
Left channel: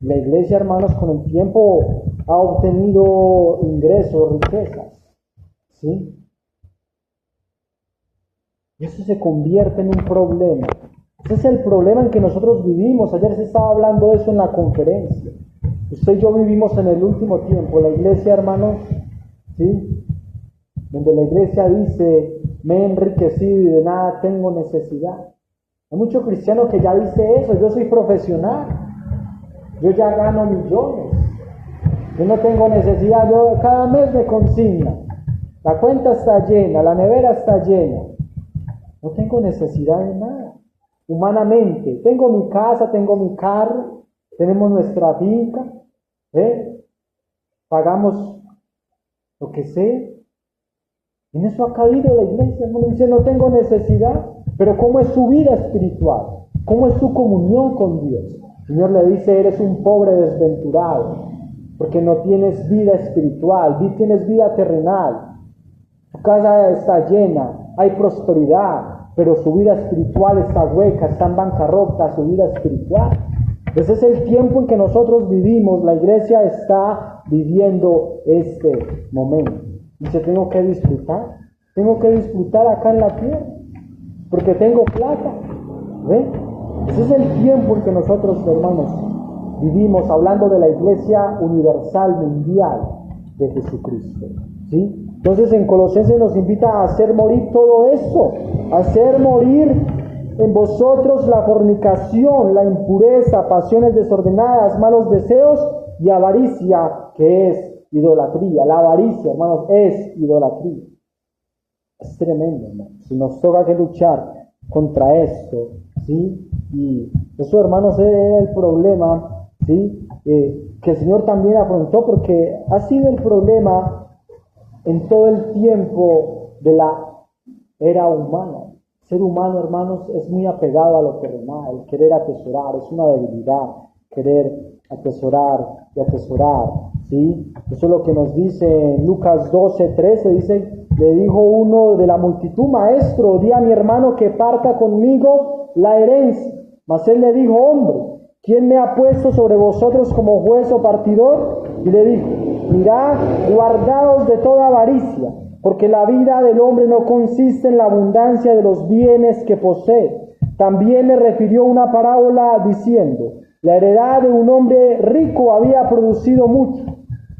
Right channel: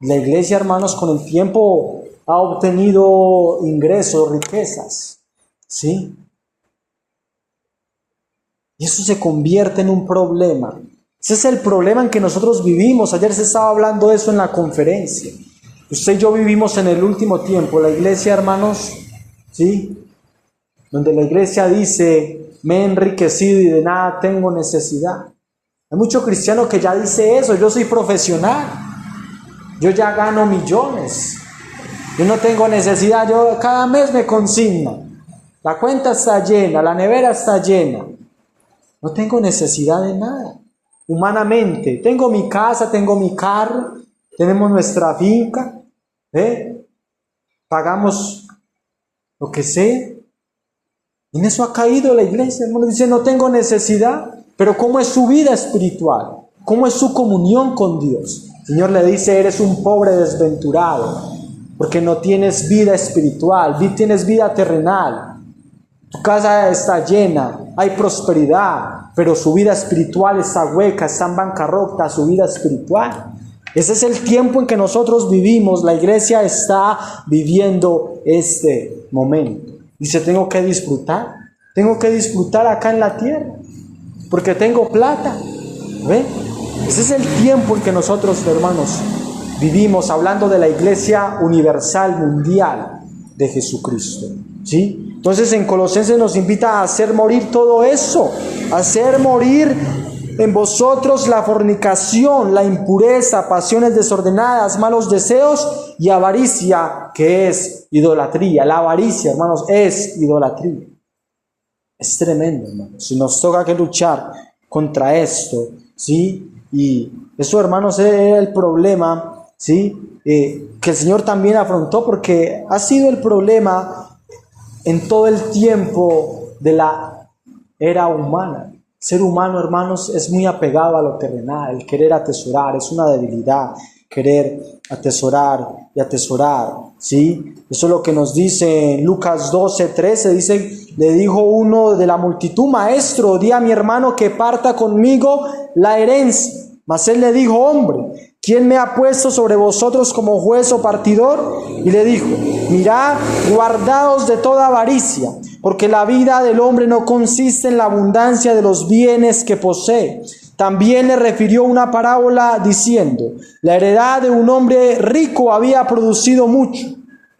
La iglesia, hermanos, con el tiempo ha obtenido ingresos, riquezas, ¿sí? Y eso se convierte en un problema. Ese es el problema en que nosotros vivimos. Ayer se estaba hablando de eso en la conferencia. Usted y yo vivimos en el último tiempo. La iglesia, hermanos, ¿sí? Donde la iglesia dice, me he enriquecido y de nada tengo necesidad. Hay muchos cristianos que ya dice eso. Yo soy profesional. Yo ya gano millones. Yo no tengo necesidad. Yo cada mes me consigno. La cuenta está llena. La nevera está llena. No tengo necesidad de nada. Humanamente. Tengo mi casa, tengo mi carro. Tenemos nuestra finca. Pagamos lo que sea. En eso ha caído la iglesia. Hermano, dice, no tengo necesidad. Pero ¿cómo es su vida espiritual? ¿Cómo es su comunión con Dios? El Señor le dice, eres un pobre desventurado, porque no tienes vida espiritual, tienes vida terrenal. Tu casa está llena, hay prosperidad, pero su vida espiritual está hueca, está en bancarrota, su vida espiritual. Ese es el tiempo en que nosotros vivimos. La iglesia está viviendo este momento. Dice, tengo que disfrutar acá en la tierra, porque tengo plata. ¿Ve? Ese es el tiempo en que nosotros, hermanos, vivimos, hablando de la iglesia universal, mundial de Jesucristo, ¿sí? Entonces en Colosenses nos invita a hacer morir todo eso, a hacer morir en vosotros la fornicación, la impureza, pasiones desordenadas, malos deseos y avaricia, que es idolatría. La avaricia, hermanos, es idolatría. Es tremendo, hermanos. Si nos toca que luchar contra esto, ¿sí? Y eso, hermanos, es el problema, ¿sí? Que el Señor también afrontó, porque ha sido el problema en todo el tiempo de la era humana. El ser humano, hermanos, es muy apegado a lo terrenal, el querer atesorar, es una debilidad, querer atesorar y atesorar, ¿sí? Eso es lo que nos dice en Lucas 12:13, dice, le dijo uno de la multitud, maestro, di a mi hermano que parta conmigo la herencia. Mas él le dijo, hombre, ¿quién me ha puesto sobre vosotros como juez o partidor? Y le dijo, mirad, guardaos de toda avaricia, porque la vida del hombre no consiste en la abundancia de los bienes que posee. También le refirió una parábola diciendo, la heredad de un hombre rico había producido mucho,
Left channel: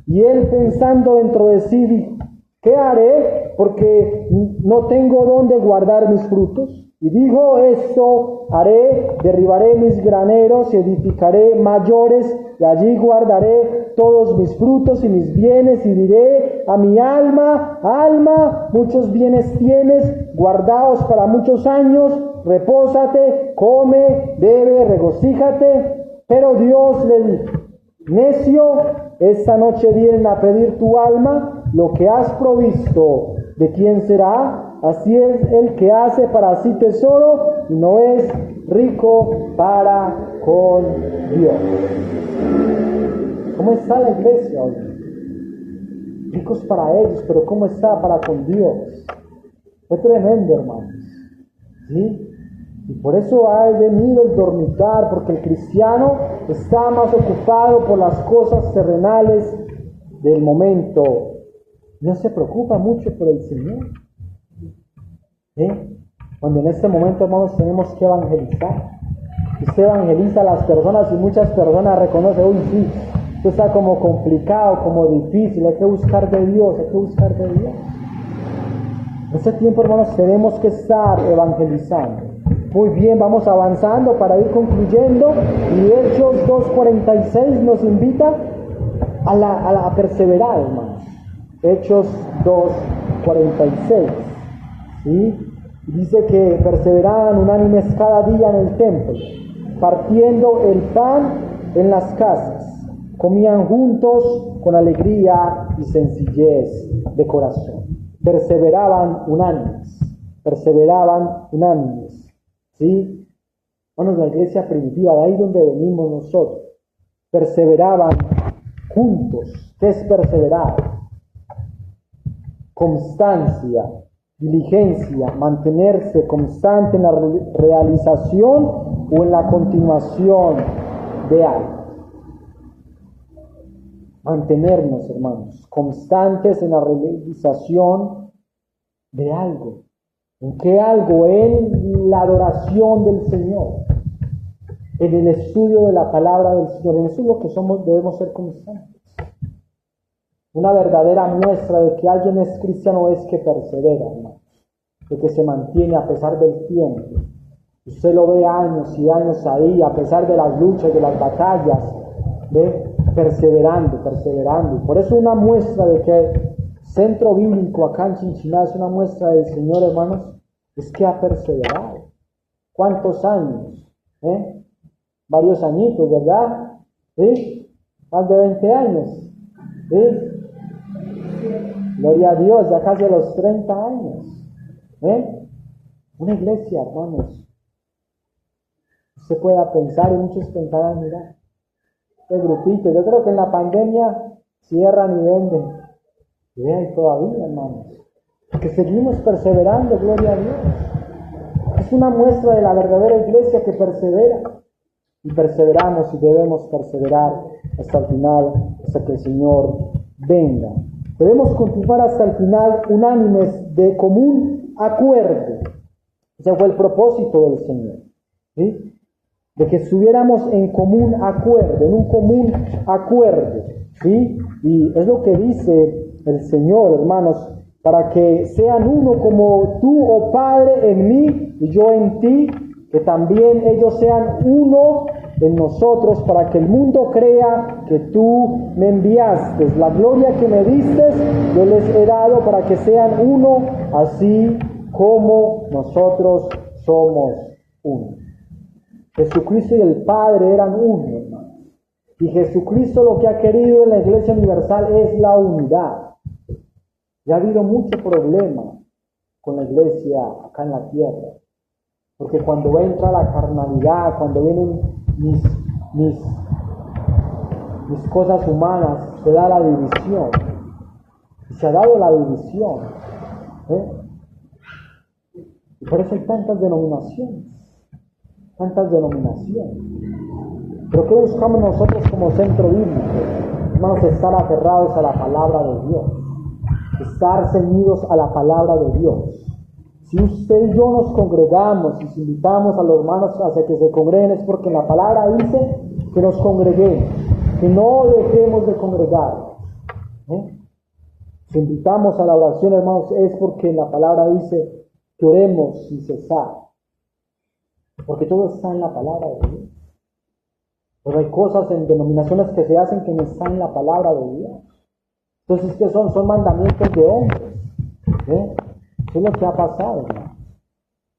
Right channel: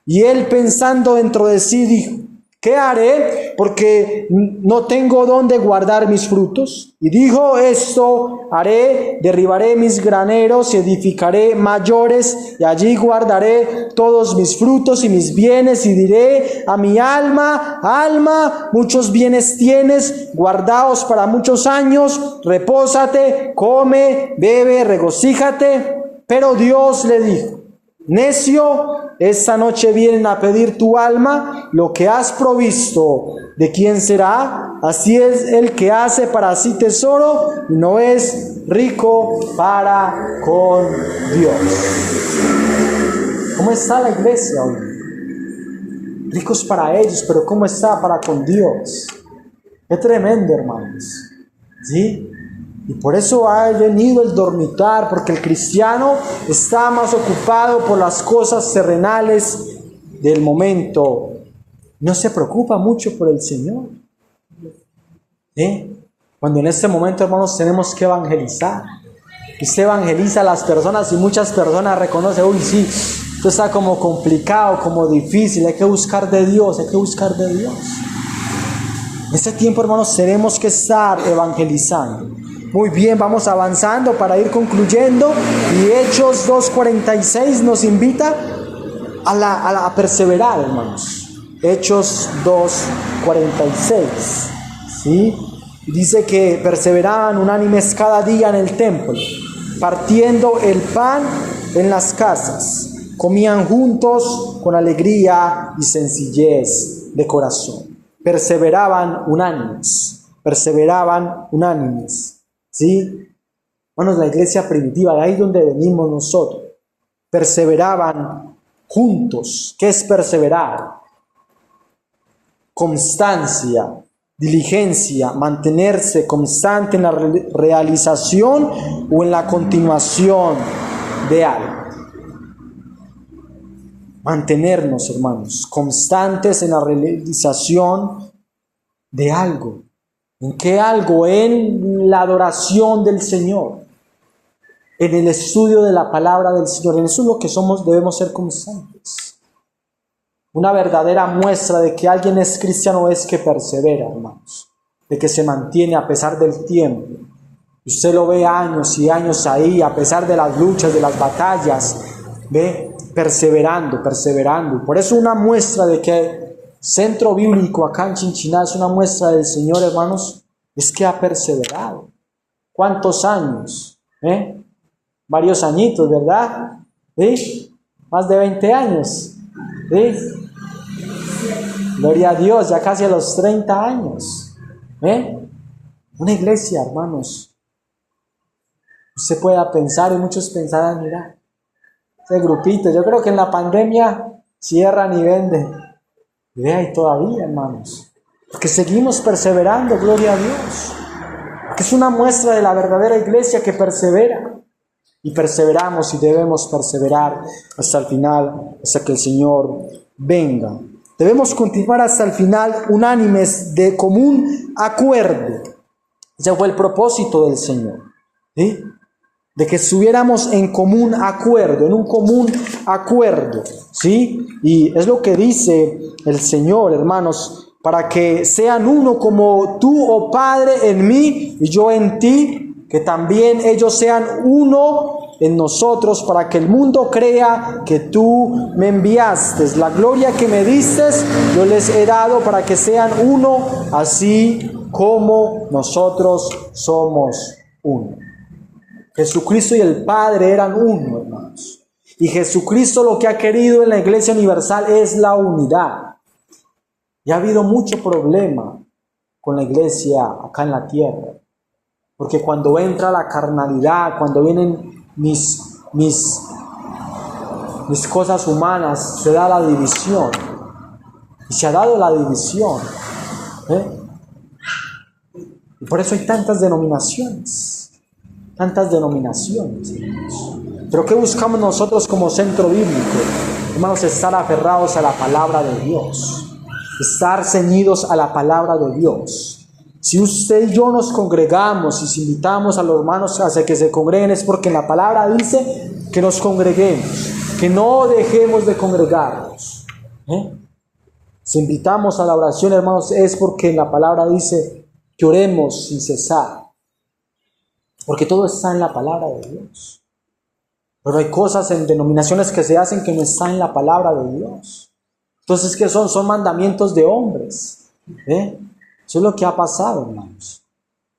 y él pensando dentro de sí dijo, ¿qué haré? Porque no tengo dónde guardar mis frutos. Y dijo, esto haré, derribaré mis graneros y edificaré mayores, y allí guardaré todos mis frutos y mis bienes, y diré a mi alma, alma, muchos bienes tienes, guardados para muchos años, repósate, come, bebe, regocíjate. Pero Dios le dijo, necio, esta noche vienen a pedir tu alma, lo que has provisto, ¿de quién será? Así es el que hace para sí tesoro y no es rico para con Dios. ¿Cómo está la iglesia hoy? Ricos para ellos, pero ¿cómo está para con Dios? Es tremendo, hermanos, ¿sí? Y por eso ha venido el dormitar, porque el cristiano está más ocupado por las cosas terrenales del momento no se preocupa mucho por el Señor. Cuando en este momento, hermanos, tenemos que evangelizar. Y se evangeliza a las personas y muchas personas reconocen, uy, sí, esto está como complicado, como difícil, hay que buscar de Dios, hay que buscar de Dios. En este tiempo, hermanos, tenemos que estar evangelizando. Muy bien, vamos avanzando para ir concluyendo. Y Hechos 2:46 nos invita a perseverar, hermanos. Hechos 2:46, ¿sí? Dice que perseveraban unánimes cada día en el templo, partiendo el pan en las casas. Comían juntos con alegría y sencillez de corazón. Perseveraban unánimes, ¿sí? Bueno, la iglesia primitiva, de ahí donde venimos nosotros. Perseveraban juntos. ¿Qué es perseverar? Constancia, diligencia, mantenerse constante en la realización o en la continuación de algo. Mantenernos, hermanos, constantes en la realización de algo. ¿En qué algo? En la adoración del Señor, en el estudio de la palabra del Señor. En eso es lo que somos, debemos ser constantes. Una verdadera muestra de que alguien es cristiano es que persevera, hermanos, de que se mantiene a pesar del tiempo. Usted lo ve años y años ahí, a pesar de las luchas, de las batallas, ve, perseverando. Por eso una muestra de que Centro Bíblico acá en Chinchiná es una muestra del Señor, hermanos, es que ha perseverado. ¿Cuántos años? Varios añitos, ¿verdad? Más de 20 años. Gloria a Dios, ya casi a los 30 años. Una iglesia, hermanos. Usted pueda pensar y muchos pensarán, mira, ese grupito, yo creo que en la pandemia cierran y venden. Y ve ahí todavía, hermanos, que seguimos perseverando, gloria a Dios. Que es una muestra de la verdadera iglesia que persevera. Y perseveramos y debemos perseverar hasta el final, hasta que el Señor venga. Debemos continuar hasta el final unánimes de común acuerdo. Ese fue el propósito del Señor, ¿sí? De que estuviéramos en común acuerdo, en un común acuerdo, ¿sí? Y es lo que dice el Señor, hermanos, para que sean uno como tú, oh Padre, en mí y yo en ti, que también ellos sean uno en nosotros, para que el mundo crea que tú me enviaste. La gloria que me diste, yo les he dado para que sean uno, así como nosotros somos uno. Jesucristo y el Padre eran uno, hermanos. Y Jesucristo lo que ha querido en la Iglesia Universal es la unidad. Y ha habido mucho problema con la Iglesia acá en la tierra. Porque cuando entra la carnalidad, cuando vienen mis cosas humanas, se da la división. Y se ha dado la división. Y por eso hay tantas denominaciones. Pero ¿qué buscamos nosotros como centro bíblico? Hermanos, estar aferrados a la palabra de Dios. Estar ceñidos a la palabra de Dios. Si usted y yo nos congregamos y si invitamos a los hermanos a que se congreguen, es porque la palabra dice que nos congreguemos, que no dejemos de congregarnos. Si invitamos a la oración, hermanos, es porque la palabra dice que oremos sin cesar. Porque todo está en la palabra de Dios. Pero hay cosas en denominaciones que se hacen que no están en la palabra de Dios. Entonces, ¿qué son? Son mandamientos de hombres. Eso es lo que ha pasado, hermanos.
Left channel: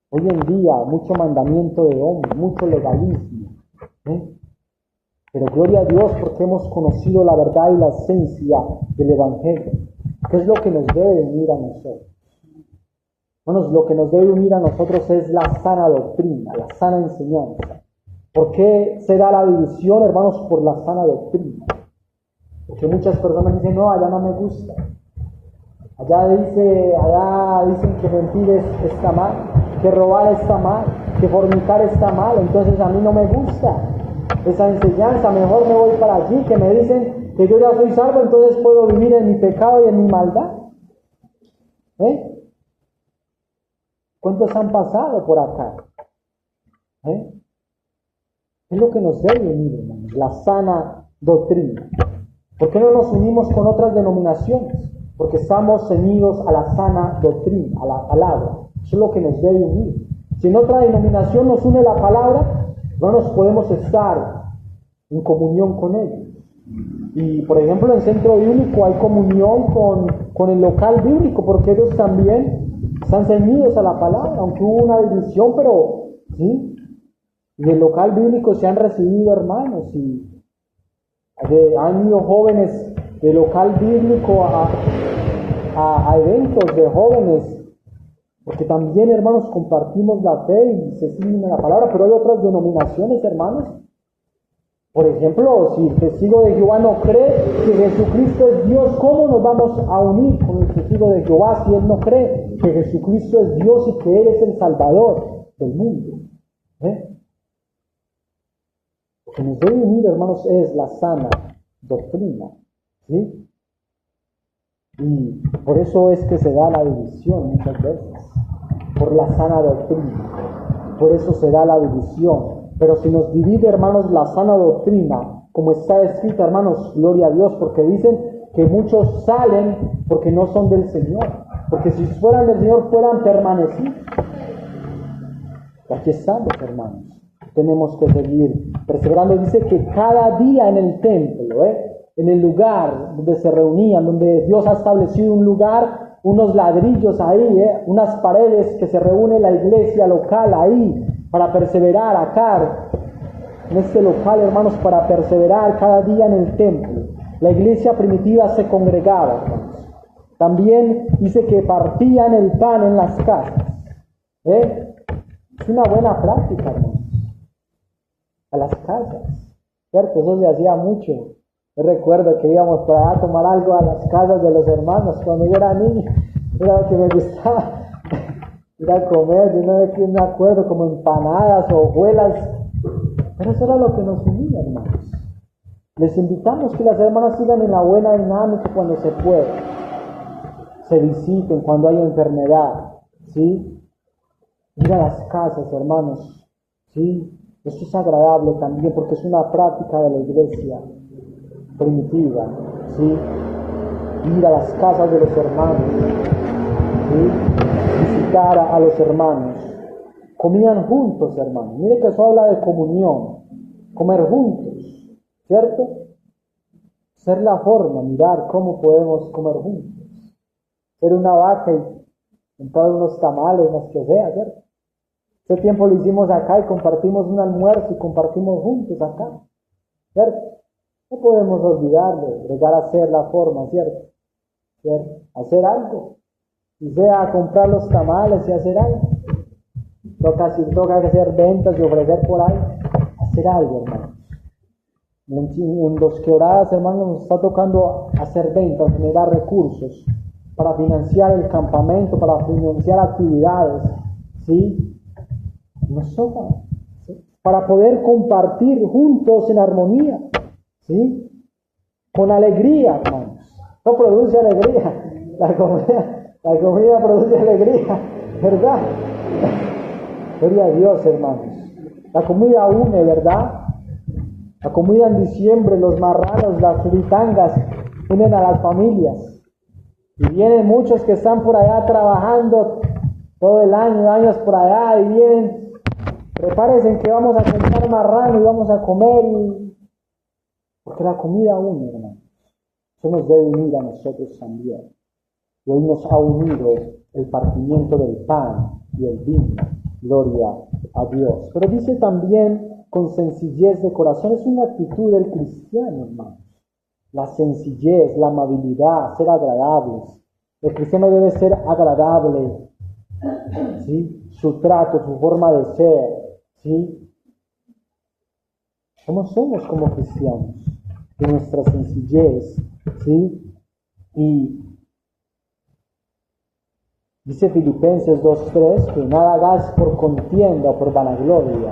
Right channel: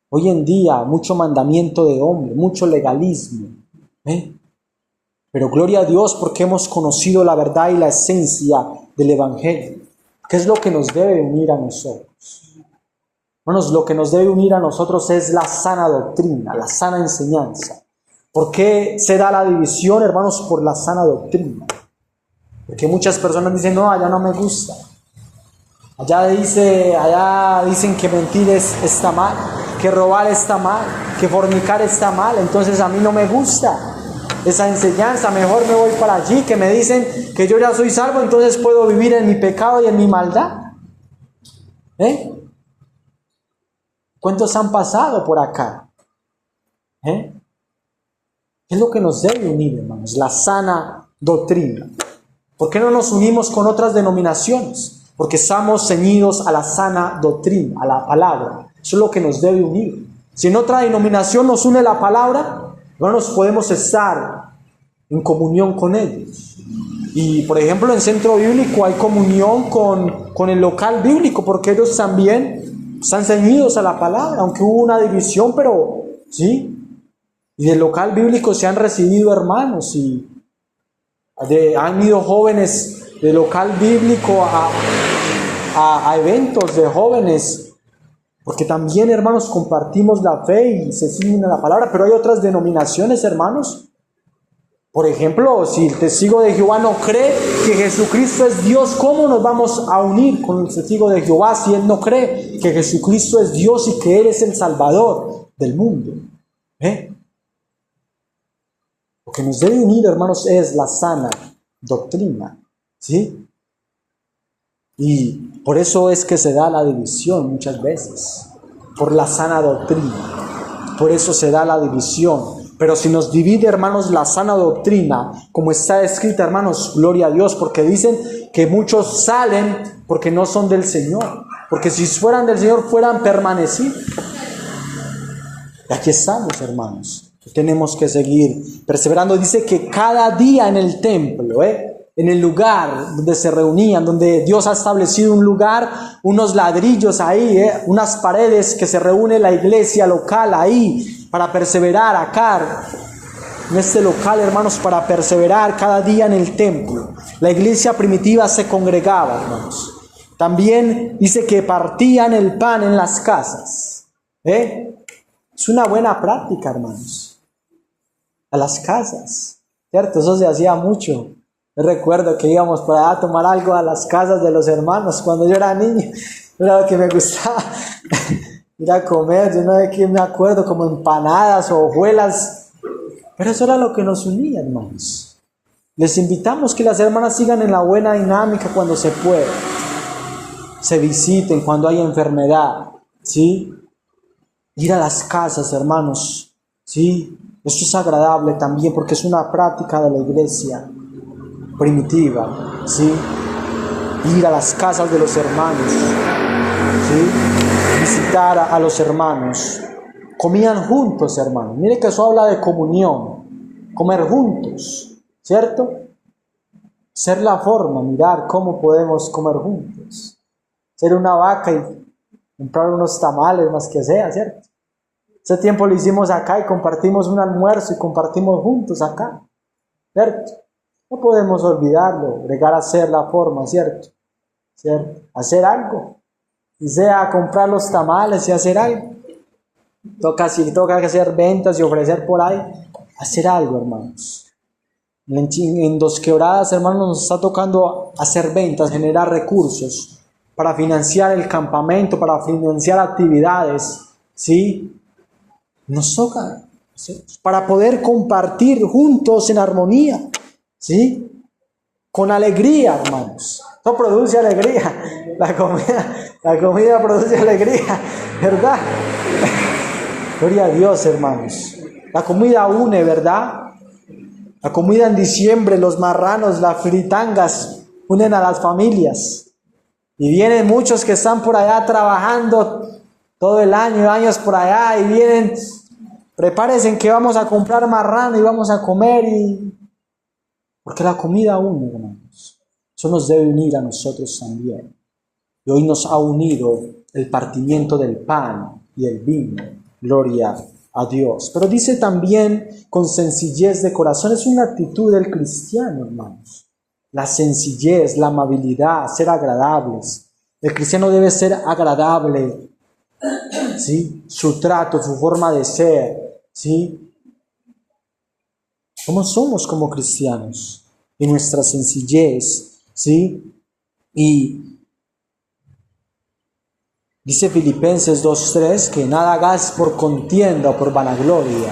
Hoy en día, mucho mandamiento de hombre, mucho legalismo. Pero gloria a Dios porque hemos conocido la verdad y la esencia del Evangelio. ¿Qué es lo que nos debe unir a nosotros? Hermanos, lo que nos debe unir a nosotros es la sana doctrina, la sana enseñanza. ¿Por qué se da la división, hermanos? Por la sana doctrina. Porque muchas personas dicen, no, allá no me gusta. Allá dicen que mentir está mal, que robar está mal, que fornicar está mal. Entonces a mí no me gusta esa enseñanza, mejor me voy para allí, que me dicen que yo ya soy salvo, entonces puedo vivir en mi pecado y en mi maldad. ¿Cuántos han pasado por acá? ¿Qué es lo que nos debe unir, hermanos? La sana doctrina. ¿Por qué no nos unimos con otras denominaciones? Porque estamos ceñidos a la sana doctrina, a la palabra. Eso es lo que nos debe unir. Si en otra denominación nos une la palabra, no nos podemos estar en comunión con ellos. Y por ejemplo en Centro Bíblico hay comunión con el local bíblico, porque ellos también están ceñidos a la palabra, aunque hubo una división, pero sí. Y del local bíblico se han recibido hermanos y han ido jóvenes del local bíblico a eventos de jóvenes, porque también, hermanos, compartimos la fe y se siguen a la palabra. Pero hay otras denominaciones, hermanos. Por ejemplo, si el testigo de Jehová no cree que Jesucristo es Dios, ¿cómo nos vamos a unir con el testigo de Jehová si él no cree que Jesucristo es Dios y que Él es el Salvador del mundo? Lo que nos debe unir, hermanos, es la sana doctrina, ¿sí? Y por eso es que se da la división muchas veces, por la sana doctrina. Por eso se da la división. Pero si nos divide, hermanos, la sana doctrina, como está escrita, hermanos, gloria a Dios, porque dicen que muchos salen porque no son del Señor, porque si fueran del Señor fueran permanecidos. Y aquí estamos, hermanos. Tenemos que seguir perseverando. Dice que cada día en el templo, en el lugar donde se reunían, donde Dios ha establecido un lugar, unos ladrillos ahí, unas paredes que se reúne la iglesia local ahí para perseverar acá, en este local, hermanos, para perseverar cada día en el templo. La iglesia primitiva se congregaba, hermanos. También dice que partían el pan en las casas. Es una buena práctica, hermanos. A las casas, ¿cierto? Eso se hacía mucho. Yo recuerdo que íbamos por allá a tomar algo a las casas de los hermanos cuando yo era niño. Era lo que me gustaba ir a comer. Yo no sé qué me acuerdo, como empanadas o hojuelas. Pero eso era lo que nos unía, hermanos. Les invitamos que las hermanas sigan en la buena dinámica cuando se pueda. Se visiten cuando hay enfermedad, ¿sí? Ir a las casas, hermanos, ¿sí? Esto es agradable también porque es una práctica de la iglesia primitiva, ¿sí? Ir a las casas de los hermanos, ¿sí? Visitar a los hermanos. Comían juntos, hermanos. Mire que eso habla de comunión, comer juntos, ¿cierto? Ser la forma, mirar cómo podemos comer juntos. Ser una vaca y comprar unos tamales, más que sea, ¿cierto? Ese tiempo lo hicimos acá y compartimos un almuerzo y compartimos juntos acá, ¿cierto? No podemos olvidarlo, llegar a ser la forma, ¿cierto? Hacer algo, y sea comprar los tamales y hacer algo. Toca hacer ventas y ofrecer por ahí, hacer algo, hermanos. En Dos Quebradas, hermanos, nos está tocando hacer ventas, generar recursos para financiar el campamento, para financiar actividades, ¿sí? Nos toca, ¿sí? Para poder compartir juntos en armonía, ¿sí? Con alegría, hermanos. Eso produce alegría. La comida produce alegría, ¿verdad? Gloria a Dios, hermanos. La comida une, ¿verdad? La comida en diciembre, los marranos, las fritangas unen a las familias. Y vienen muchos que están por allá trabajando todo el año, años por allá, y vienen, prepárense que vamos a comprar marrano y vamos a comer, porque la comida une, hermanos. Eso nos debe unir a nosotros también. Y hoy nos ha unido el partimiento del pan y el vino. Gloria a Dios. Pero dice también con sencillez de corazón. Es una actitud del cristiano, hermanos. La sencillez, la amabilidad, ser agradables. El cristiano debe ser agradable, ¿sí? Su trato, su forma de ser, ¿sí? ¿Cómo somos como cristianos? En nuestra sencillez, ¿sí? Y dice Filipenses 2:3 que nada hagáis por contienda o por vanagloria.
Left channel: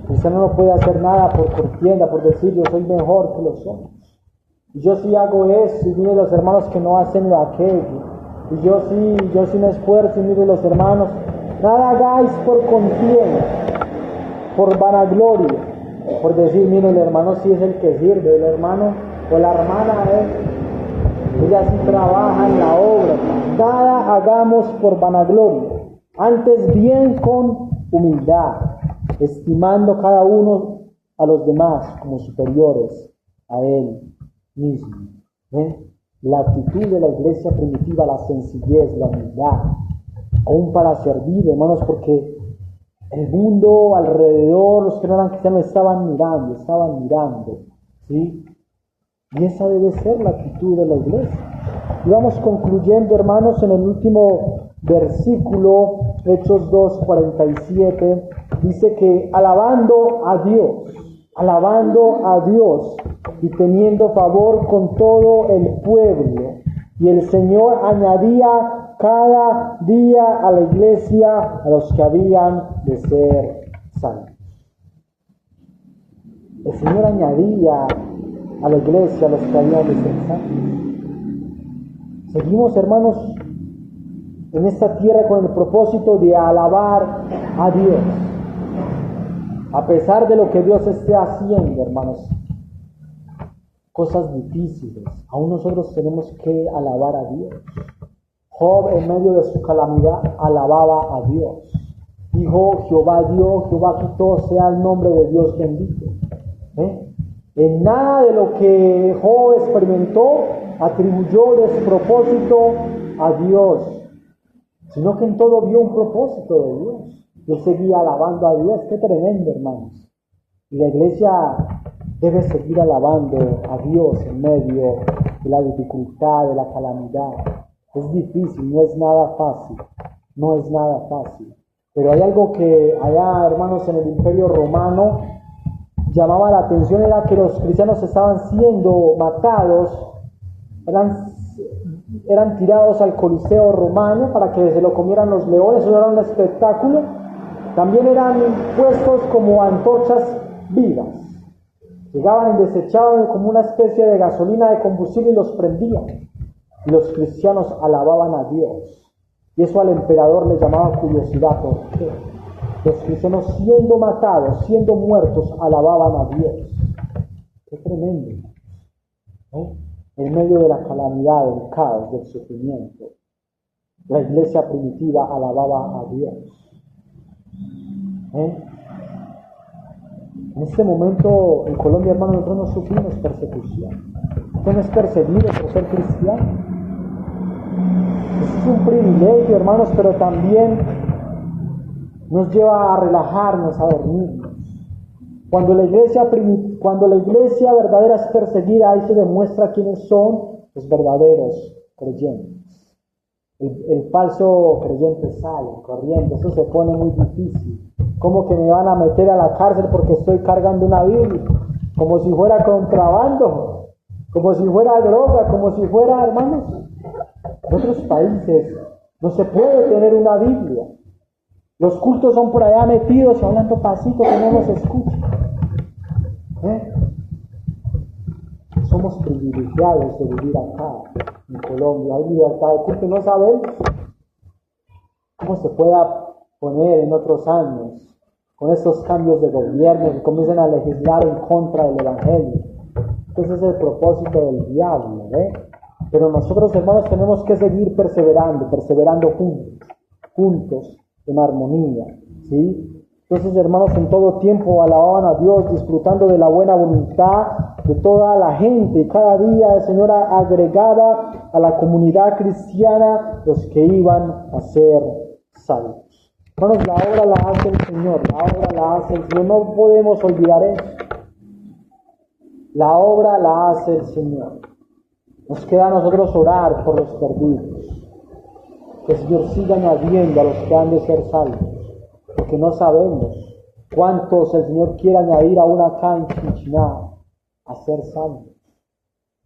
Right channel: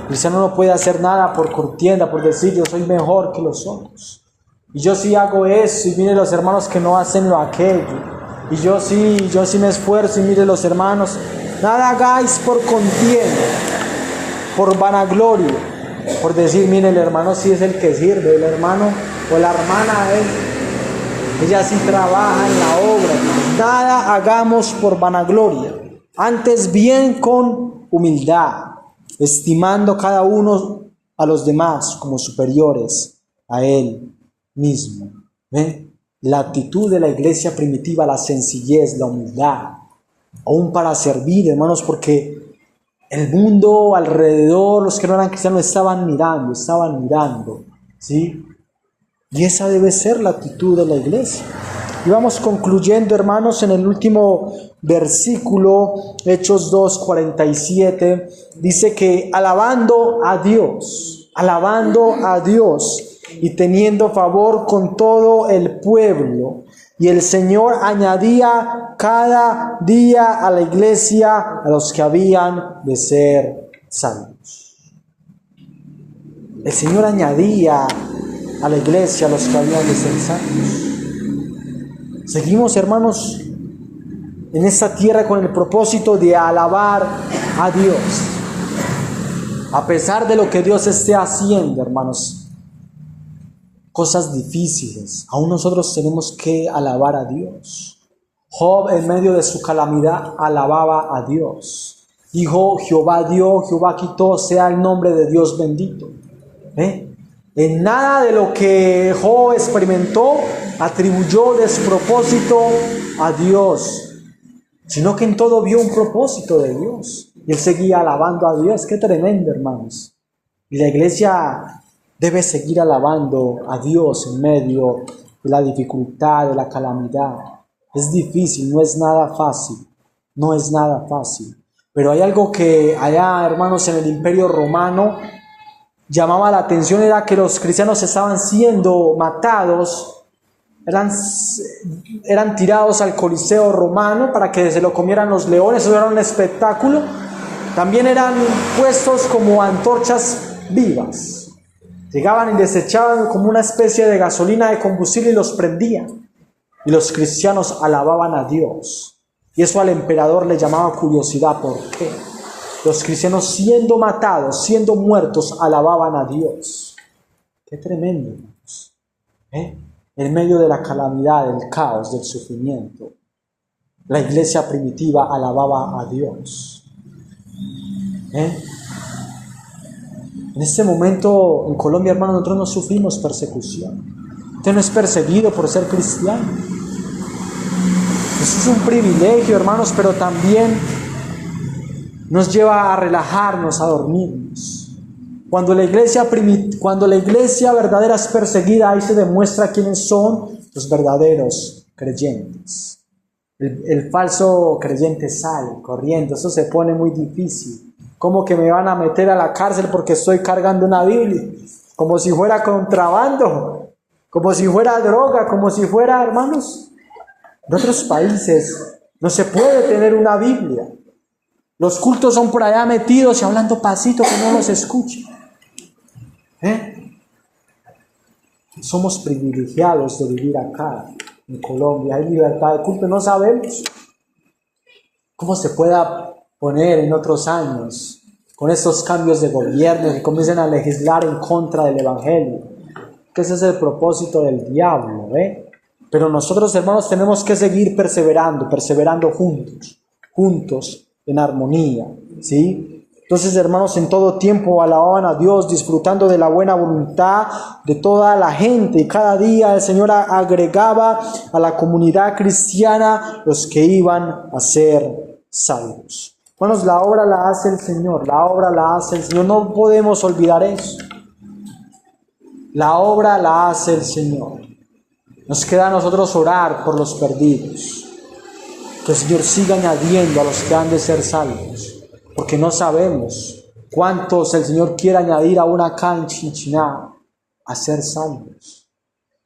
El cristiano no puede hacer nada por contienda, por decir yo soy mejor que los otros. Y yo sí hago eso, y miren los hermanos que no hacen lo aquello. y yo sí me esfuerzo, y mire los hermanos, nada hagáis por contienda, por vanagloria, por decir, mire, el hermano sí es el que sirve, el hermano o la hermana ella sí trabaja en la obra. Nada hagamos por vanagloria, antes bien con humildad, estimando cada uno a los demás como superiores a él mismo. ¿Ven? La actitud de la iglesia primitiva, la sencillez, la humildad, aún para servir, hermanos, porque el mundo alrededor, los que no eran cristianos, estaban mirando, ¿sí? Y esa debe ser la actitud de la iglesia. Y vamos concluyendo, hermanos, en el último versículo, Hechos 2:47, dice que alabando a Dios y teniendo favor con todo el pueblo, y el Señor añadía cada día a la iglesia a los que habían de ser salvos. El Señor añadía a la iglesia a los que habían de ser salvos. Seguimos, hermanos, en esta tierra con el propósito de alabar a Dios. A pesar de lo que Dios esté haciendo, hermanos, cosas difíciles, aún nosotros tenemos que alabar a Dios. Job, en medio de su calamidad, alababa a Dios. Dijo, Jehová dio, Jehová quitó, sea el nombre de Dios bendito. En nada de lo que Job experimentó atribuyó despropósito a Dios, sino que en todo vio un propósito de Dios. Y él seguía alabando a Dios. Qué tremendo, hermanos. Y la iglesia debe seguir alabando a Dios en medio de la dificultad, de la calamidad. Es difícil, no es nada fácil. Pero hay algo que allá, hermanos, en el Imperio Romano llamaba la atención, era que los cristianos estaban siendo matados, eran tirados al Coliseo romano para que se lo comieran los leones. Eso era un espectáculo. También eran puestos como antorchas vivas. Llegaban y les echaban como una especie de gasolina de combustible y los prendían. Y los cristianos alababan a Dios. Y eso al emperador le llamaba curiosidad. ¿Por qué? Los cristianos, siendo matados, siendo muertos, alababan a Dios. Qué tremendo, hermanos. En medio de la calamidad, del caos, del sufrimiento, la iglesia primitiva alababa a Dios. En este momento en Colombia, hermanos, nosotros no sufrimos persecución. Usted no es perseguido por ser cristiano. Eso es un privilegio, hermanos, pero también nos lleva a relajarnos, a dormirnos. Cuando la iglesia verdadera es perseguida, ahí se demuestra quiénes son los verdaderos creyentes. El falso creyente sale corriendo. Eso se pone muy difícil. ¿Cómo que me van a meter a la cárcel porque estoy cargando una Biblia? Como si fuera contrabando, como si fuera droga, como si fuera, hermanos. En otros países no se puede tener una Biblia. Los cultos son por allá metidos y hablando pasito que no nos escuchan. Somos privilegiados de vivir acá en Colombia. Hay libertad de culto. No sabemos cómo se pueda poner en otros años con estos cambios de gobierno que comiencen a legislar en contra del evangelio, que ese es el propósito del diablo. Pero nosotros, hermanos, tenemos que seguir perseverando juntos en armonía, ¿sí? Entonces, hermanos, en todo tiempo alababan a Dios, disfrutando de la buena voluntad de toda la gente, y cada día el Señor agregaba a la comunidad cristiana los que iban a ser salvos. Hermanos, la obra la hace el Señor, no podemos olvidar eso. La obra la hace el Señor. Nos queda a nosotros orar por los perdidos. Que el Señor siga añadiendo a los que han de ser salvos, porque no sabemos cuántos el Señor quiere añadir aún acá en Chinchiná a ser salvos.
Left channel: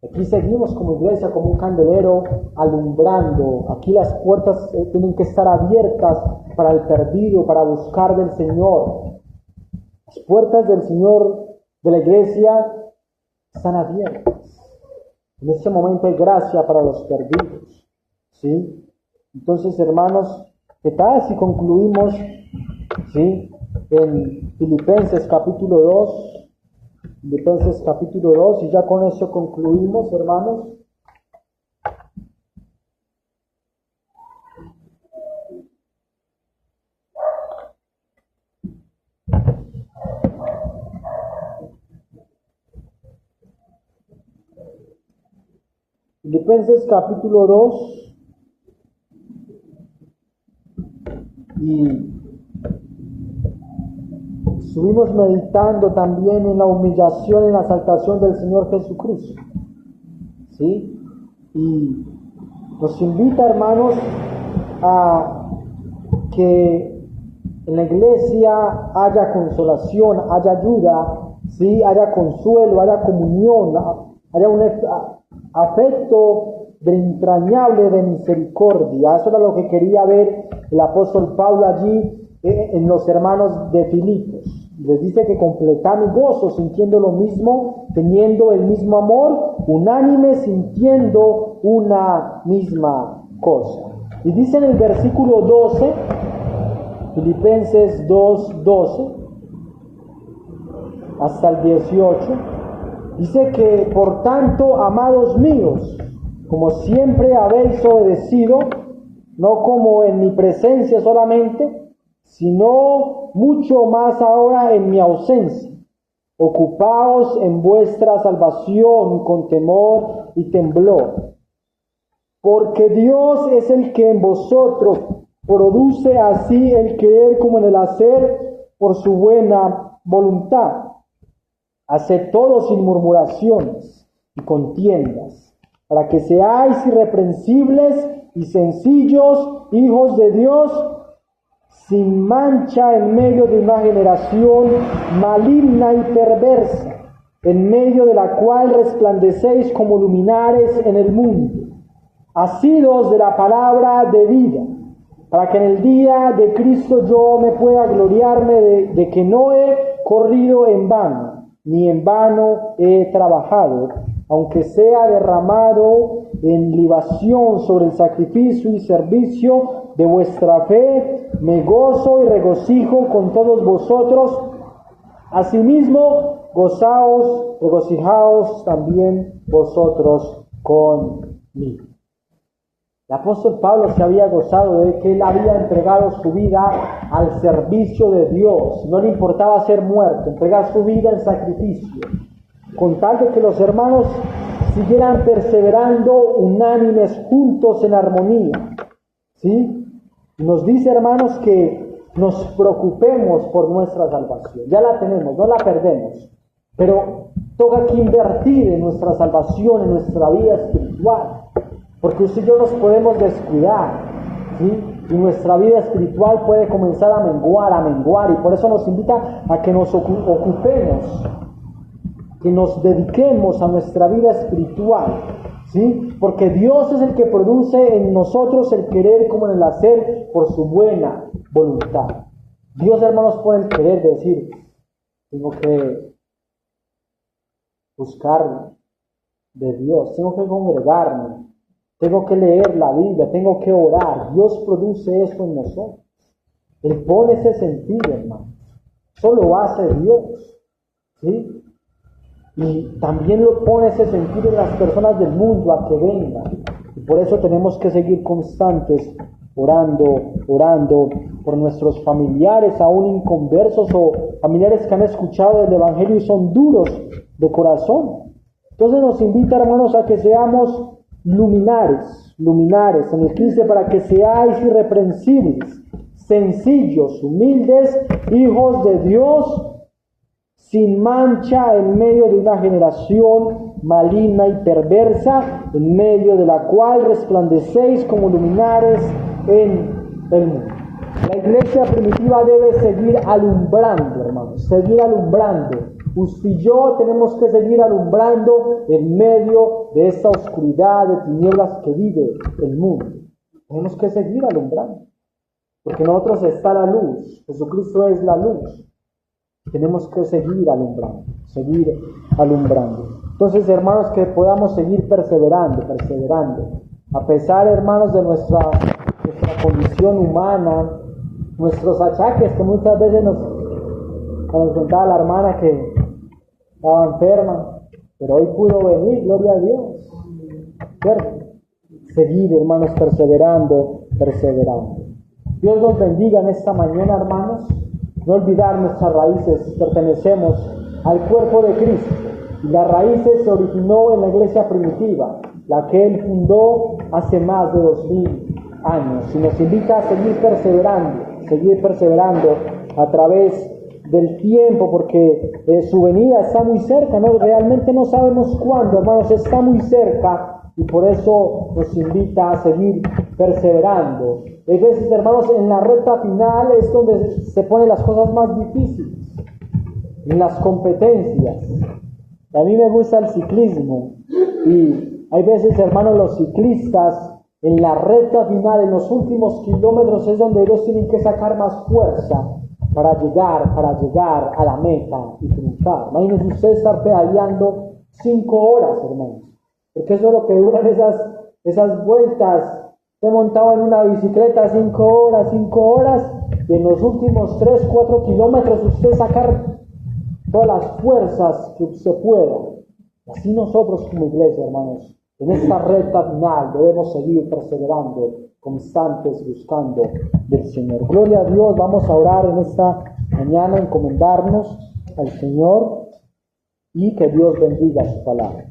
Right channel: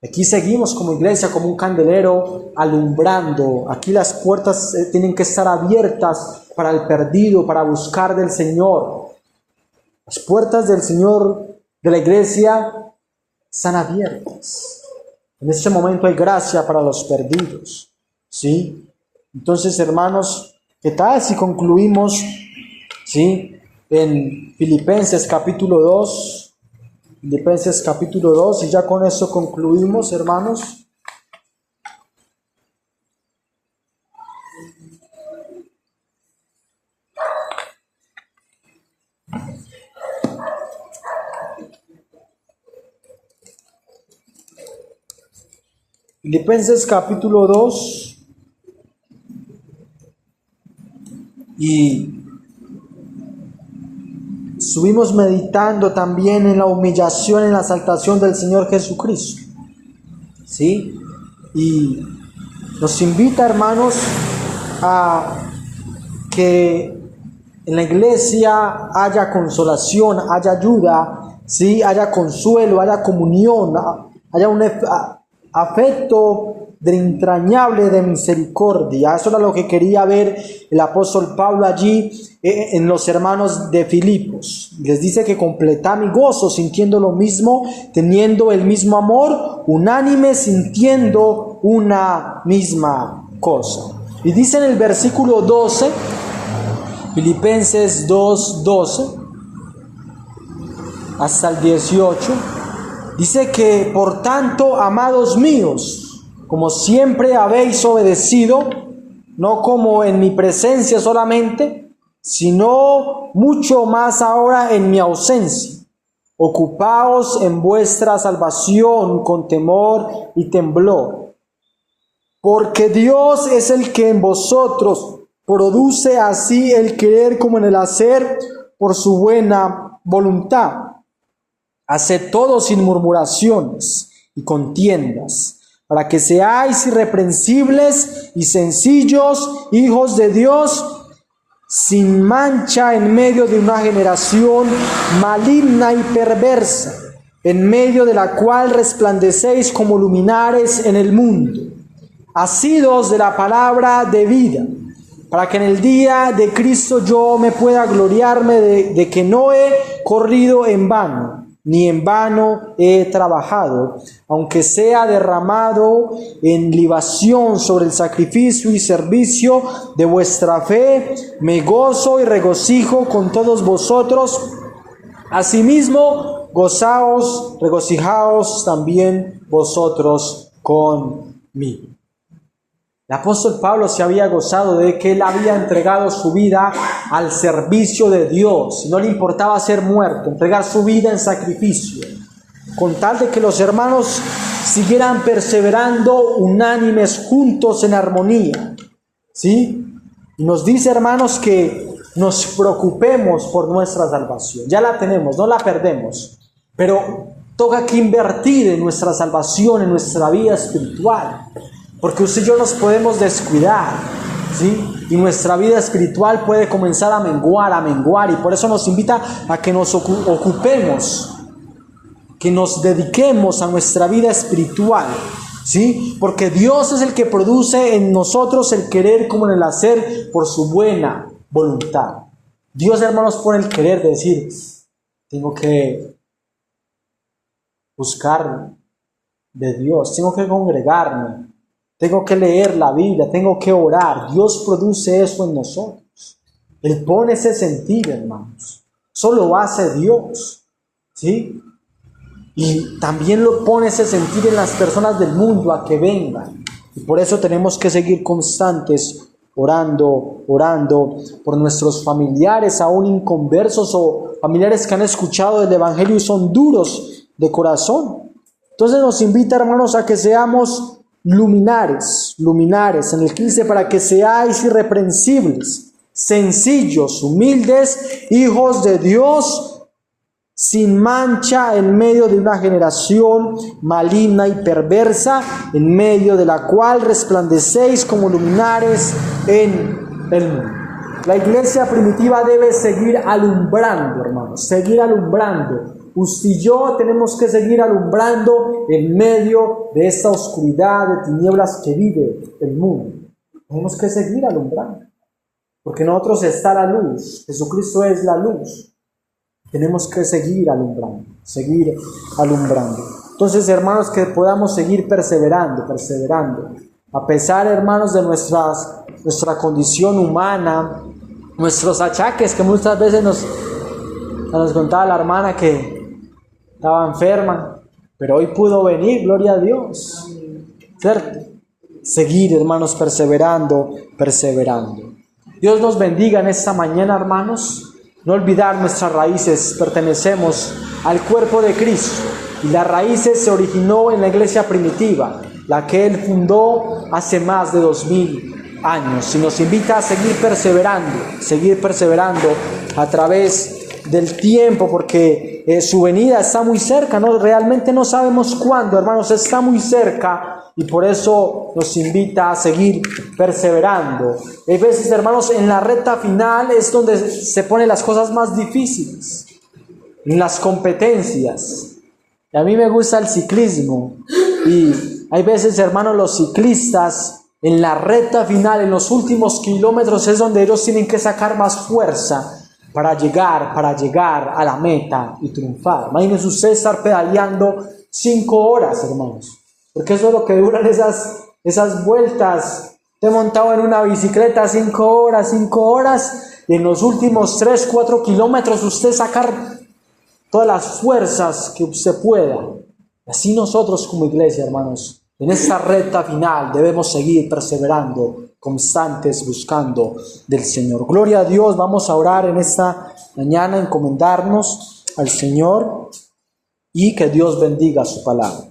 Aquí seguimos como iglesia, como un candelero alumbrando. Aquí las puertas tienen que estar abiertas para el perdido, para buscar del Señor. Las puertas del Señor, de la iglesia, están abiertas. En este momento hay gracia para los perdidos, ¿sí? Entonces, hermanos, ¿qué tal si concluimos, ¿sí?, en Filipenses capítulo 2? Filipenses capítulo 2, y ya con eso concluimos, hermanos. Filipenses capítulo 2, y estuvimos meditando también en la humillación, en la exaltación del Señor Jesucristo, ¿sí? Y nos invita, hermanos, a que en la iglesia haya consolación, haya ayuda, ¿sí?, haya consuelo, haya comunión, haya un afecto entrañable de misericordia. Eso era lo que quería ver el apóstol Pablo allí en los hermanos de Filipos. Les dice que completá mi gozo sintiendo lo mismo, teniendo el mismo amor, unánime, sintiendo una misma cosa. Y dice en el versículo 12, Filipenses 2:12 hasta el 18, dice que por tanto, amados míos, como siempre habéis obedecido, no como en mi presencia solamente, sino mucho más ahora en mi ausencia, ocupaos en vuestra salvación con temor y temblor, porque Dios es el que en vosotros produce así el querer como en el hacer por su buena voluntad. Haced todo sin murmuraciones y contiendas, para que seáis irreprensibles y sencillos, hijos de Dios, sin mancha en medio de una generación maligna y perversa, en medio de la cual resplandecéis como luminares en el mundo, asidos de la palabra de vida, para que en el día de Cristo yo me pueda gloriarme de que no he corrido en vano, ni en vano he trabajado, aunque sea derramado en libación sobre el sacrificio y servicio de vuestra fe, me gozo y regocijo con todos vosotros. Asimismo, gozaos, regocijaos también vosotros conmigo. El apóstol Pablo se había gozado de que él había entregado su vida al servicio de Dios. No le importaba ser muerto, entregar su vida en sacrificio, con tal de que los hermanos siguieran perseverando unánimes, juntos en armonía, ¿sí? Y nos dice, hermanos, que nos preocupemos por nuestra salvación. Ya la tenemos, no la perdemos, pero toca que invertir en nuestra salvación, en nuestra vida espiritual. Porque usted y yo nos podemos descuidar, ¿sí? Y nuestra vida espiritual puede comenzar a menguar, y por eso nos invita a que nos ocupemos, que nos dediquemos a nuestra vida espiritual, ¿sí? Porque Dios es el que produce en nosotros el querer como en el hacer por su buena voluntad. Dios, hermanos, pone el querer de decir, tengo que buscar de Dios, tengo que congregarme, tengo que leer la Biblia, tengo que orar. Dios produce eso en nosotros. Él pone ese sentir, hermanos. Eso lo hace Dios, ¿sí? Y también lo pone ese sentir en las personas del mundo a que vengan. Y por eso tenemos que seguir constantes orando por nuestros familiares, aún inconversos o familiares que han escuchado el Evangelio y son duros de corazón. Entonces nos invita, hermanos, a que seamos luminares, en el 15, para que seáis irreprensibles, sencillos, humildes, hijos de Dios, sin mancha en medio de una generación maligna y perversa, en medio de la cual resplandecéis como luminares en el mundo. La iglesia primitiva debe seguir alumbrando, hermanos, seguir alumbrando. Usted y yo tenemos que seguir alumbrando en medio de esta oscuridad de tinieblas que vive el mundo. Tenemos que seguir alumbrando, porque en nosotros está la luz. Jesucristo es la luz. Tenemos que seguir alumbrando. Entonces, hermanos, que podamos seguir perseverando. A pesar, hermanos, de nuestras nuestra condición humana, nuestros achaques que muchas veces nos contaba la hermana que estaba enferma, pero hoy pudo venir, gloria a Dios, ¿cierto? Seguir, hermanos, perseverando. Dios nos bendiga en esta mañana, hermanos. No olvidar nuestras raíces, pertenecemos al cuerpo de Cristo y las raíces se originó en la iglesia primitiva, la que Él fundó hace más de 2000 años, y nos invita a seguir perseverando a través del tiempo, porque su venida está muy cerca, ¿no? Realmente no sabemos cuándo, hermanos, está muy cerca. Y por eso nos invita a seguir perseverando. Hay veces, hermanos, en la recta final es donde se ponen las cosas más difíciles, en las competencias. Y a mí me gusta el ciclismo. Y hay veces, hermanos, los ciclistas en la recta final, en los últimos kilómetros, es donde ellos tienen que sacar más fuerza para llegar a la meta y triunfar. Imagínense usted estar pedaleando 5 horas, hermanos. Porque eso es lo que duran esas vueltas. Te he montado en una bicicleta 5 horas, y en los últimos 3, 4 kilómetros usted sacar todas las fuerzas que usted pueda. Así nosotros como iglesia, hermanos, en esta recta final debemos seguir perseverando, constantes, buscando del Señor. Gloria a Dios. Vamos a orar en esta mañana, encomendarnos al Señor y que Dios bendiga su palabra.